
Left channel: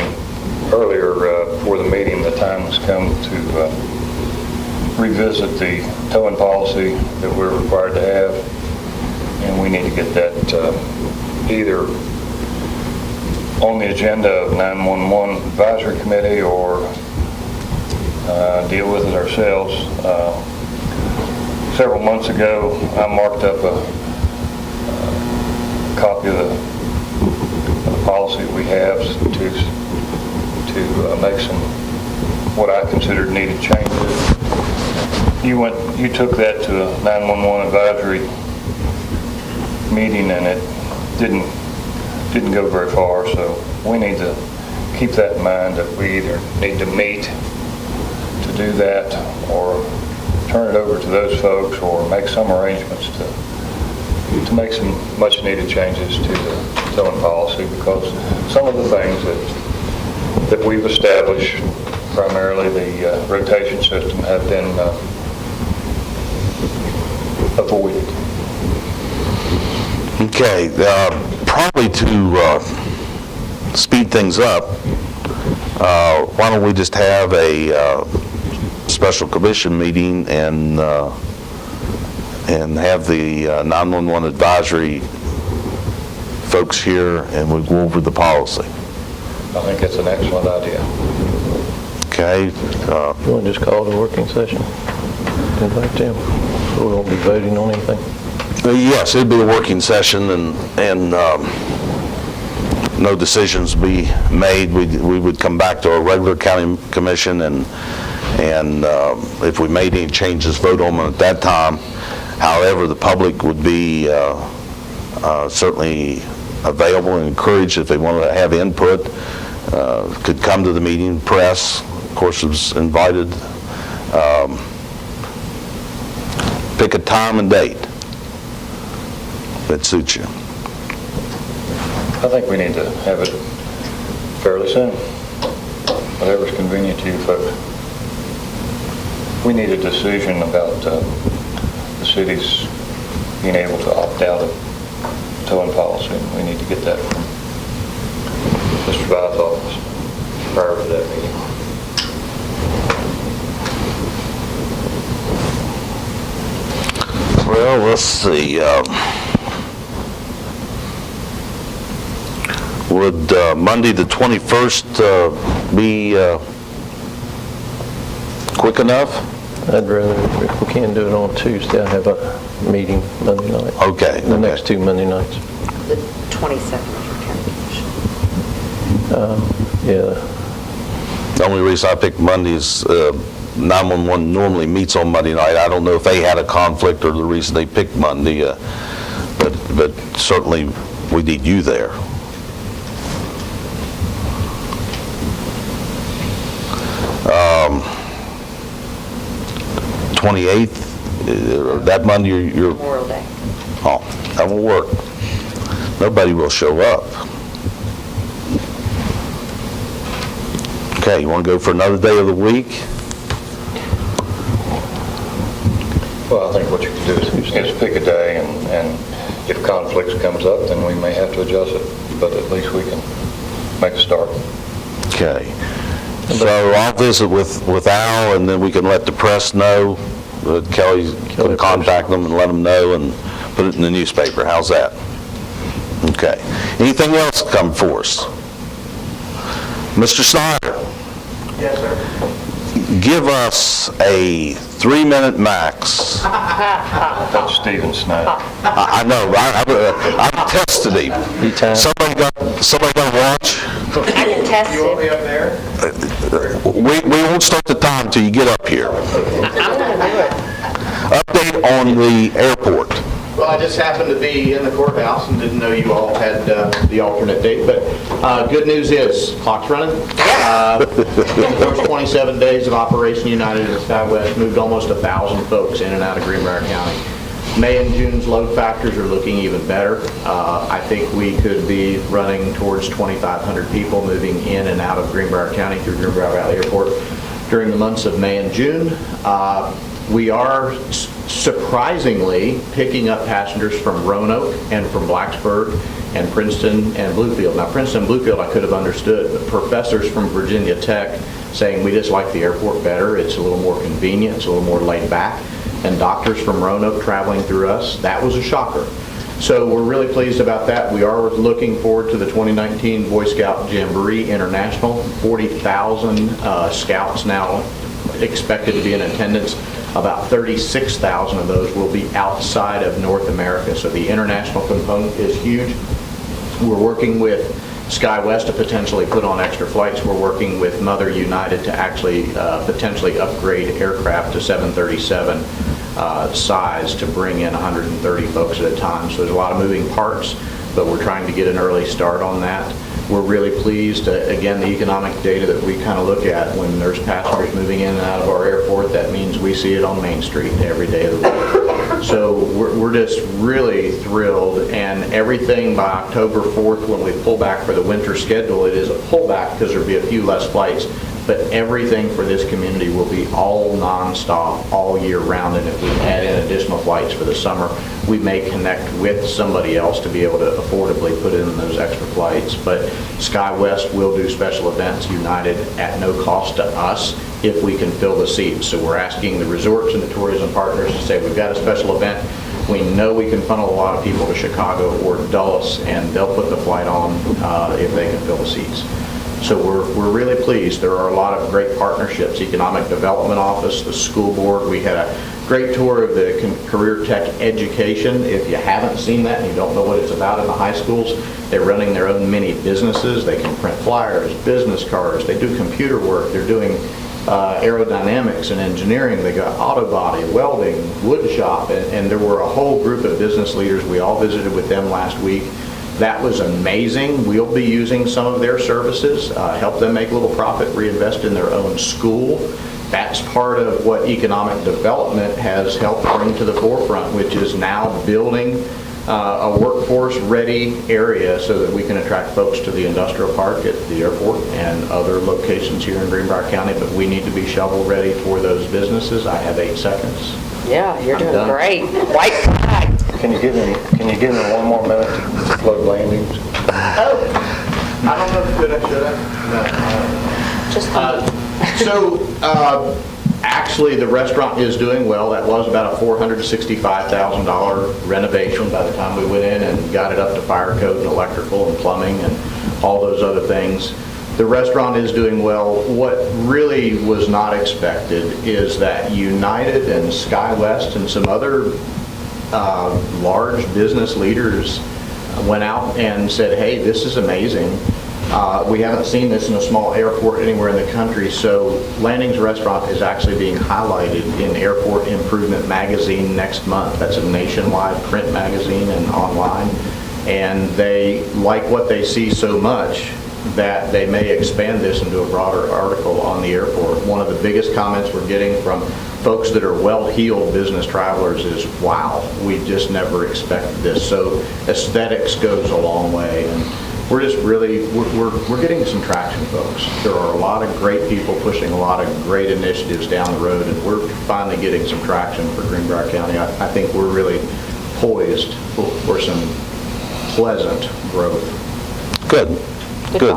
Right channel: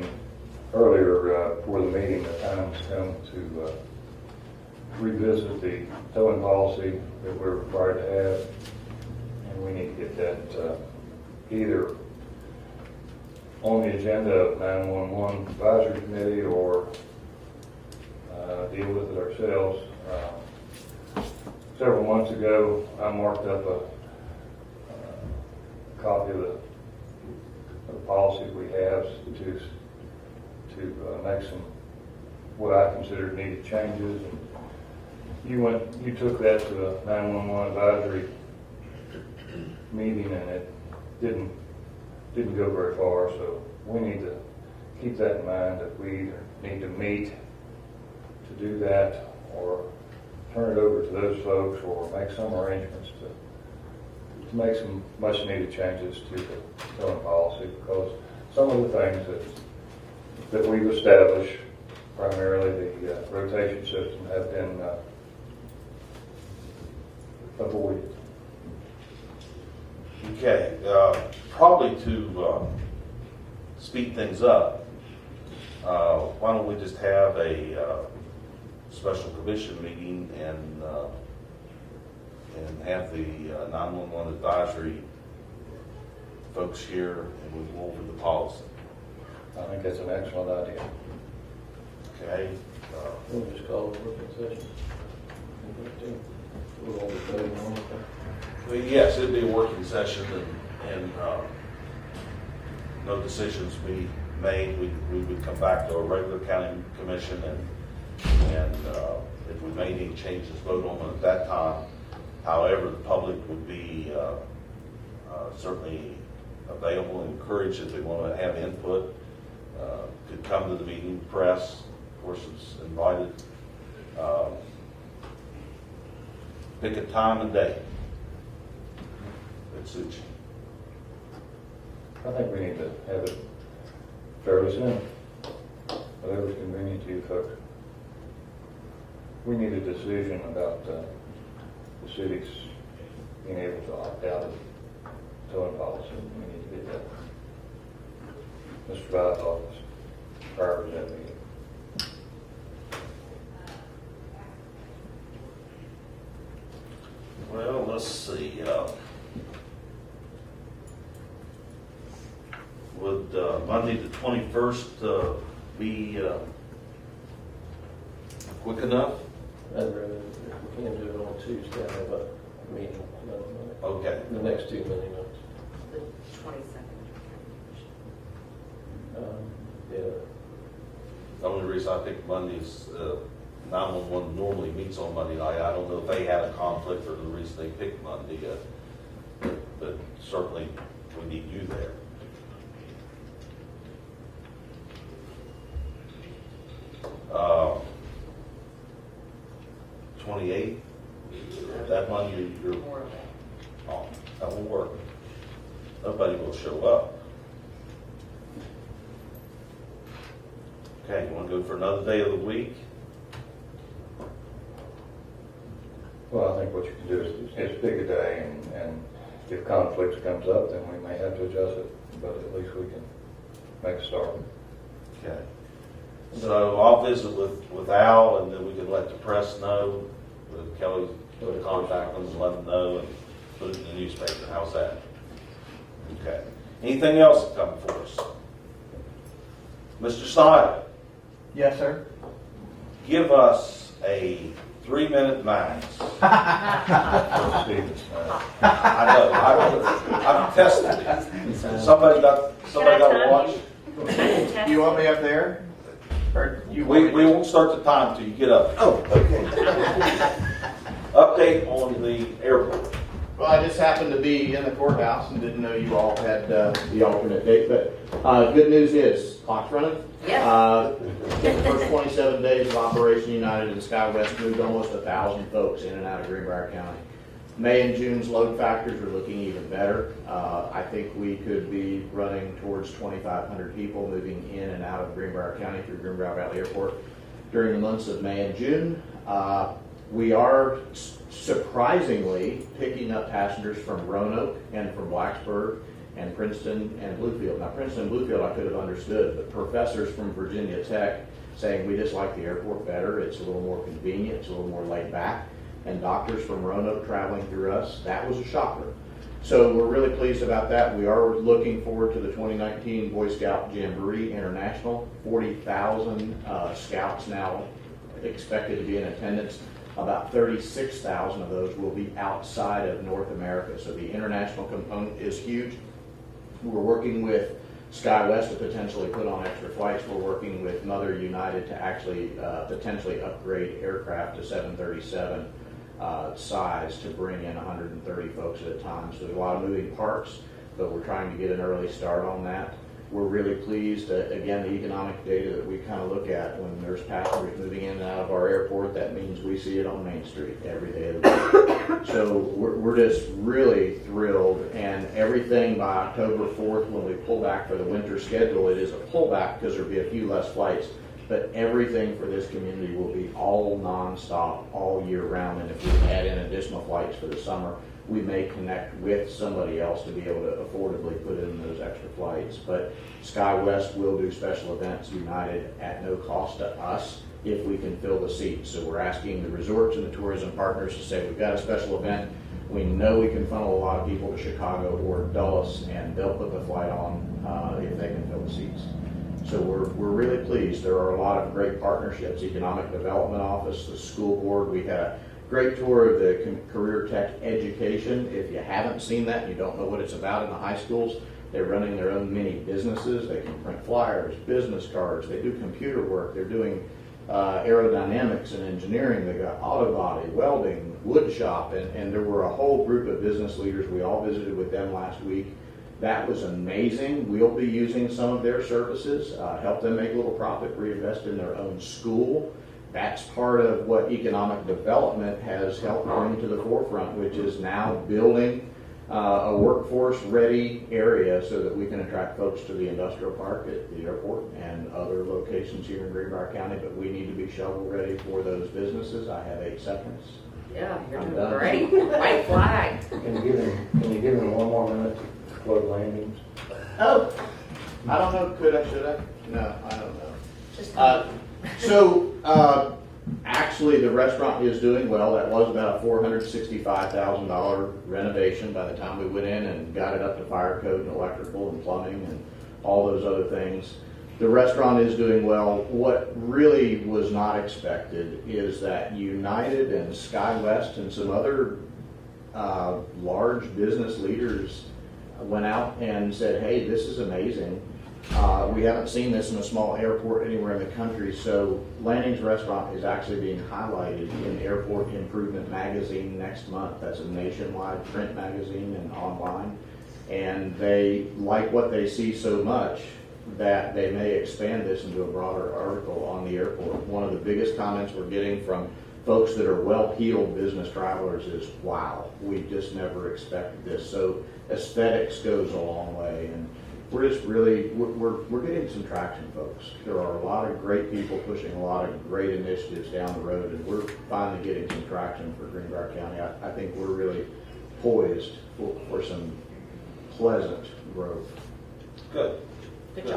earlier for the meeting, the time has come to revisit the towing policy that we're required to have, and we need to get that either on the agenda of 911 Advisory Committee or deal with it ourselves. Several months ago, I marked up a copy of the policy we have to make some what I considered needed changes. You took that to a 911 advisory meeting and it didn't go very far, so we need to keep that in mind that we either need to meet to do that or turn it over to those folks or make some arrangements to make some much needed changes to the towing policy, because some of the things that we've established, primarily the rotation system, have been avoided. Okay, probably to speed things up, why don't we just have a special commission meeting and have the 911 advisory folks here and we'll go over the policy. I think that's an excellent idea. Okay? You want to just call it a working session? Invite them. So we won't be voting on anything? Yes, it'd be a working session and no decisions be made. We would come back to our regular county commission and if we made any changes, vote on them at that time. However, the public would be certainly available and encouraged if they wanted to have input, could come to the meeting. Press, of course, was invited. Pick a time and date that suits you. I think we need to have it fairly soon, whatever's convenient to you folks. We need a decision about the city's being able to opt out of towing policy. We need to get that from Mr. Vine's office prior to that meeting. Well, let's see. Would Monday the 21st be quick enough? I'd rather, if we can do it on Tuesday, I have a meeting Monday night. Okay. The next two Monday nights. The 22nd for county commission. Yeah. The only reason I picked Monday is 911 normally meets on Monday night. I don't know if they had a conflict or the reason they picked Monday, but certainly we need you there. Um, 28th, that Monday you're, Memorial Day. oh, that will work. Nobody will show up. Okay, you want to go for another day of the week? Well, I think what you can do is pick a day, and if conflicts comes up, then we may have to adjust it, but at least we can make a start. Okay. So I'll visit with Al, and then we can let the press know. Kelly can contact them and let them know and put it in the newspaper. How's that? Okay. Anything else come for us? Mr. Snyder? Yes, sir. Give us a 3-minute max. That's Stephen Snyder. I know, I've tested him. Somebody got a watch? I can test You want it. me up there? We won't start the time till you get up here. Update on the airport. Well, I just happened to be in the courthouse and didn't know you all had the alternate date, but good news is, clock's running. First 27 days of Operation United in SkyWest moved almost 1,000 folks in and out of Greenbrier County. May and June's load factors are looking even better. I think we could be running towards 2,500 people moving in and out of Greenbrier County through Greenbrier Valley Airport during the months of May and June. We are surprisingly picking up passengers from Roanoke and from Blacksburg and Princeton and Bluefield. Now, Princeton and Bluefield I could have understood, but professors from Virginia Tech saying we just like the airport better, it's a little more convenient, it's a little more laid back, and doctors from Roanoke traveling through us, that was a shocker. So we're really pleased about that. We are looking forward to the 2019 Boy Scout Jamboree International. 40,000 scouts now expected to be in attendance. About 36,000 of those will be outside of North America. So the international component is huge. We're working with SkyWest to potentially put on extra flights. We're working with Mother United to actually potentially upgrade aircraft to 737 size to bring in 130 folks at a time. So there's a lot of moving parts, but we're trying to get an early start on that. We're really pleased, again, the economic data that we kind of look at when there's passengers moving in and out of our airport, that means we see it on Main Street every day of the week. So we're just really thrilled, and everything by October 4th, when we pull back for the winter schedule, it is a pullback because there'll be a few less flights, but everything for this community will be all nonstop all year round, and if we add in additional flights for the summer, we may connect with somebody else to be able to affordably put in those extra flights. But SkyWest will do special events, United, at no cost to us if we can fill the seats. So we're asking the resorts and the tourism partners to say, we've got a special event, we know we can funnel a lot of people to Chicago or Dulles, and they'll put the flight on if they can fill the seats. So we're really pleased. There are a lot of great partnerships. Economic Development Office, the school board. We had a great tour of the Career Tech Education. If you haven't seen that and you don't know what it's about in the high schools, they're running their own mini businesses. They can print flyers, business cards. They do computer work. They're doing aerodynamics and engineering. They got auto body, welding, wood shop, and there were a whole group of business leaders. We all visited with them last week. That was amazing. We'll be using some of their services, help them make a little profit, reinvest in their own school. That's part of what economic development has helped bring to the forefront, which is now building a workforce-ready area so that we can attract folks to the industrial park at the airport and other locations here in Greenbrier County, but we need to be shovel-ready for those businesses. I have 8 seconds. Yeah, you're I'm doing done. great. White flag. Can you give me 1 more minute to float landings? I don't know if should I? Just So, actually, the restaurant is doing well. That was about a $465,000 renovation by the time we went in and got it up to fire code and electrical and plumbing and all those other things. The restaurant is doing well. What really was not expected is that United and SkyWest and some other large business leaders went out and said, hey, this is amazing. We haven't seen this in a small airport anywhere in the country. So Landing's Restaurant is actually being highlighted in Airport Improvement Magazine next month. That's a nationwide print magazine and online. And they like what they see so much that they may expand this into a broader article on the airport. One of the biggest comments we're getting from folks that are well-heeled business travelers is, wow, we just never expected this. So aesthetics goes a long way. And we're just really, we're getting some traction, folks. There are a lot of great people pushing a lot of great initiatives down the road, and we're finally getting some traction for Greenbrier County. I think we're really poised for some pleasant growth. Good. Good.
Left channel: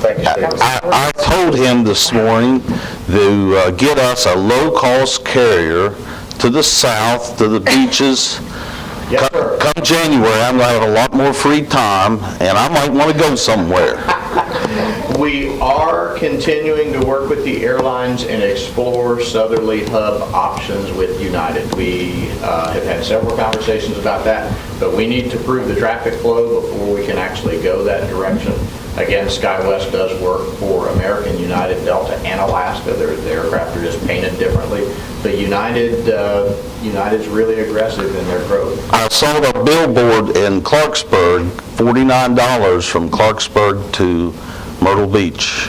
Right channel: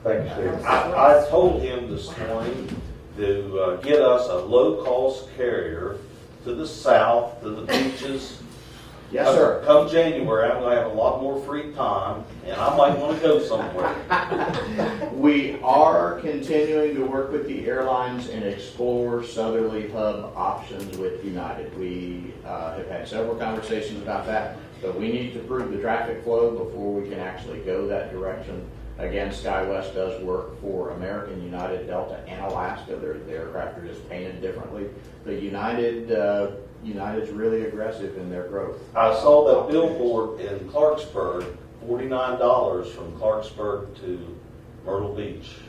Thank you, Steve. I told him this morning to get us a low-cost carrier to the south, to the beaches. Yes, sir. Come January, I'm going to have a lot more free time, and I might want to go somewhere. We are continuing to work with the airlines and explore southerly hub options with United. We have had several conversations about that, but we need to prove the traffic flow before we can actually go that direction. Again, SkyWest does work for American, United, Delta, and Alaska. The aircraft are just painted differently. But United's really aggressive in their growth. I saw the billboard in Clarksburg, $49 from Clarksburg to Myrtle Beach.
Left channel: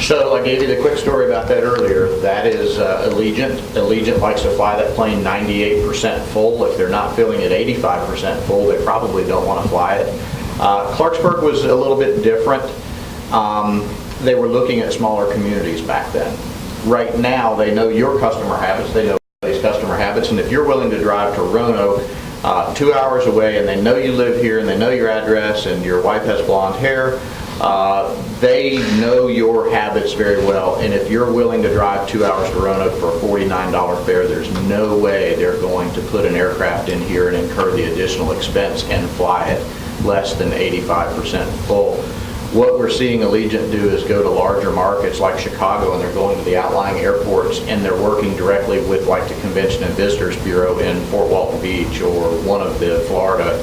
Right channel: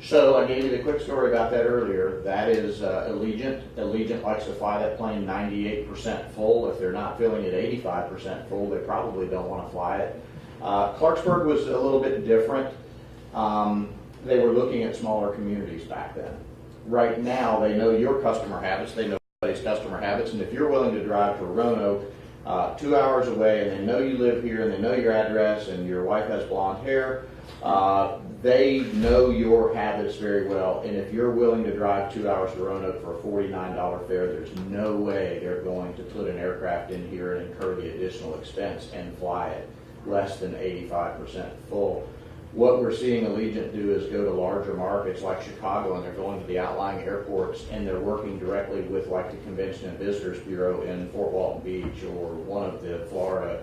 So I gave you the quick story about that earlier. That is Allegiant. Allegiant likes to fly that plane 98% full. If they're not filling it 85% full, they probably don't want to fly it. Clarksburg was a little bit different. They were looking at smaller communities back then. Right now, they know your customer habits, they know everybody's customer habits, and if you're willing to drive to Roanoke 2 hours away, and they know you live here, and they know your address, and your wife has blonde hair, they know your habits very well, and if you're willing to drive 2 hours to Roanoke for a $49 fare, there's no way they're going to put an aircraft in here and incur the additional expense and fly it less than 85% full. What we're seeing Allegiant do is go to larger markets like Chicago, and they're going to the outlying airports, and they're working directly with like the Convention and Visitors Bureau in Fort Walton Beach or one of the Florida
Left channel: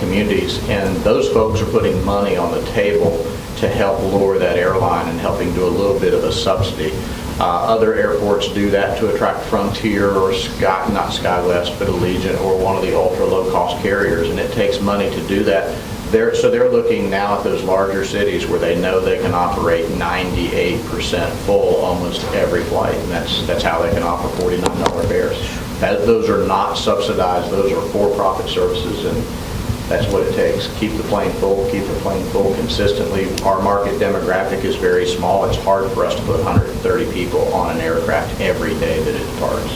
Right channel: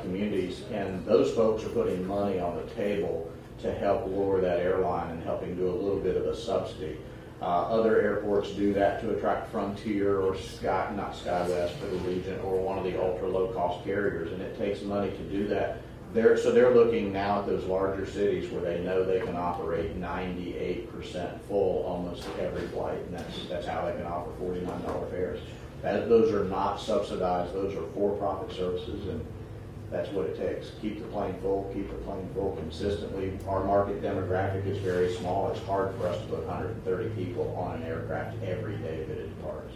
communities, and those folks are putting money on the table to help lure that airline and helping do a little bit of a subsidy. Other airports do that to attract Frontier or not SkyWest, but Allegiant or one of the ultra low-cost carriers, and it takes money to do that. So they're looking now at those larger cities where they know they can operate 98% full almost every flight, and that's how they can offer $49 fares. Those are not subsidized; those are for-profit services, and that's what it takes. Keep the plane full consistently. Our market demographic is very small. It's hard for us to put 130 people on an aircraft every day that it departs.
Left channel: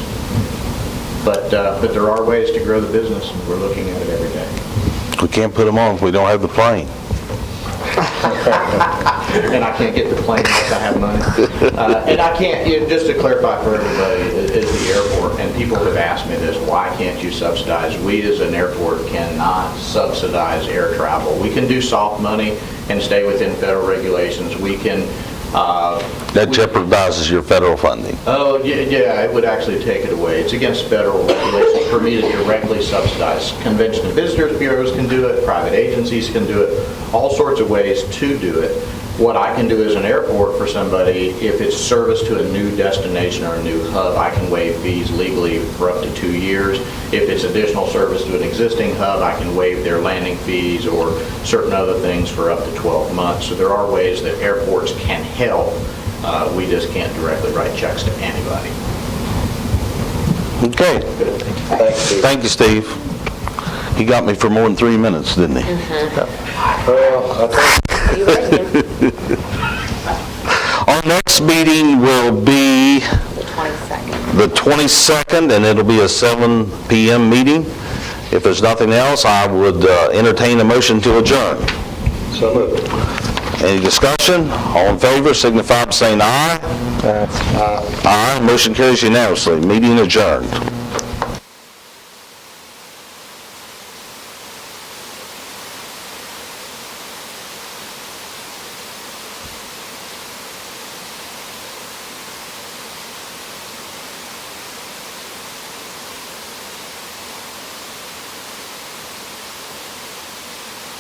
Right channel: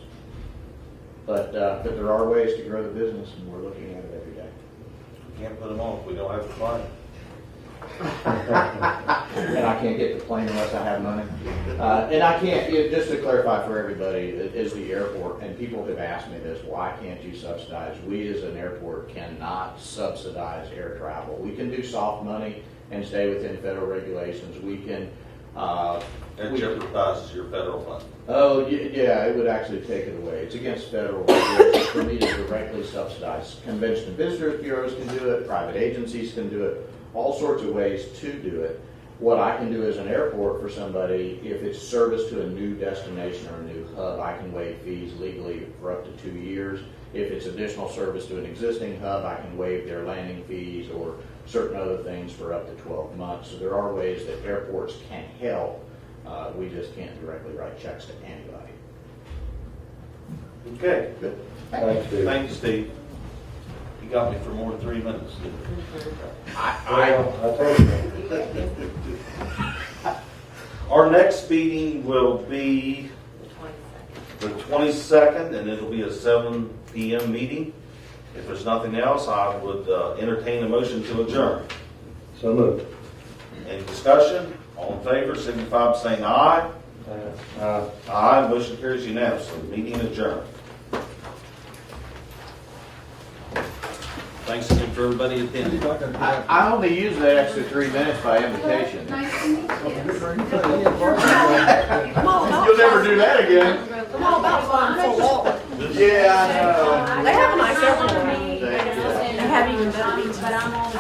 But there are ways to grow the business. We're looking at it every day. We can't put them on if we don't have the plane. And I can't get the plane unless I have money. And I can't, just to clarify for everybody, is the airport, and people have asked me this, why can't you subsidize? We as an airport cannot subsidize air travel. We can do soft money and stay within federal regulations. We can... That jeopardizes your federal funding. Oh, yeah, it would actually take it away. It's against federal regulations for me to directly subsidize. Convention and Visitors Bureaus can do it, private agencies can do it, all sorts of ways to do it. What I can do as an airport for somebody, if it's service to a new destination or a new hub, I can waive fees legally for up to 2 years. If it's additional service to an existing hub, I can waive their landing fees or certain other things for up to 12 months. So there are ways that airports can help. We just can't directly write checks to anybody. Okay. Thanks, Steve. Thank you, Steve. He got me for more than 3 minutes, didn't he? Well, I think You read him. Our next meeting will be The 22nd. the 22nd, and it'll be a 7 p.m. meeting. If there's nothing else, I would entertain a motion to adjourn. so moved. Any discussion? All in favor, signify by saying aye. Aye. Motion carries unanimously. Meeting adjourned. Thanks for everybody attending. I only use the extra 3 minutes by invitation. You'll never do that again. Yeah, I know. They have my several meetings and have even, but I'm on the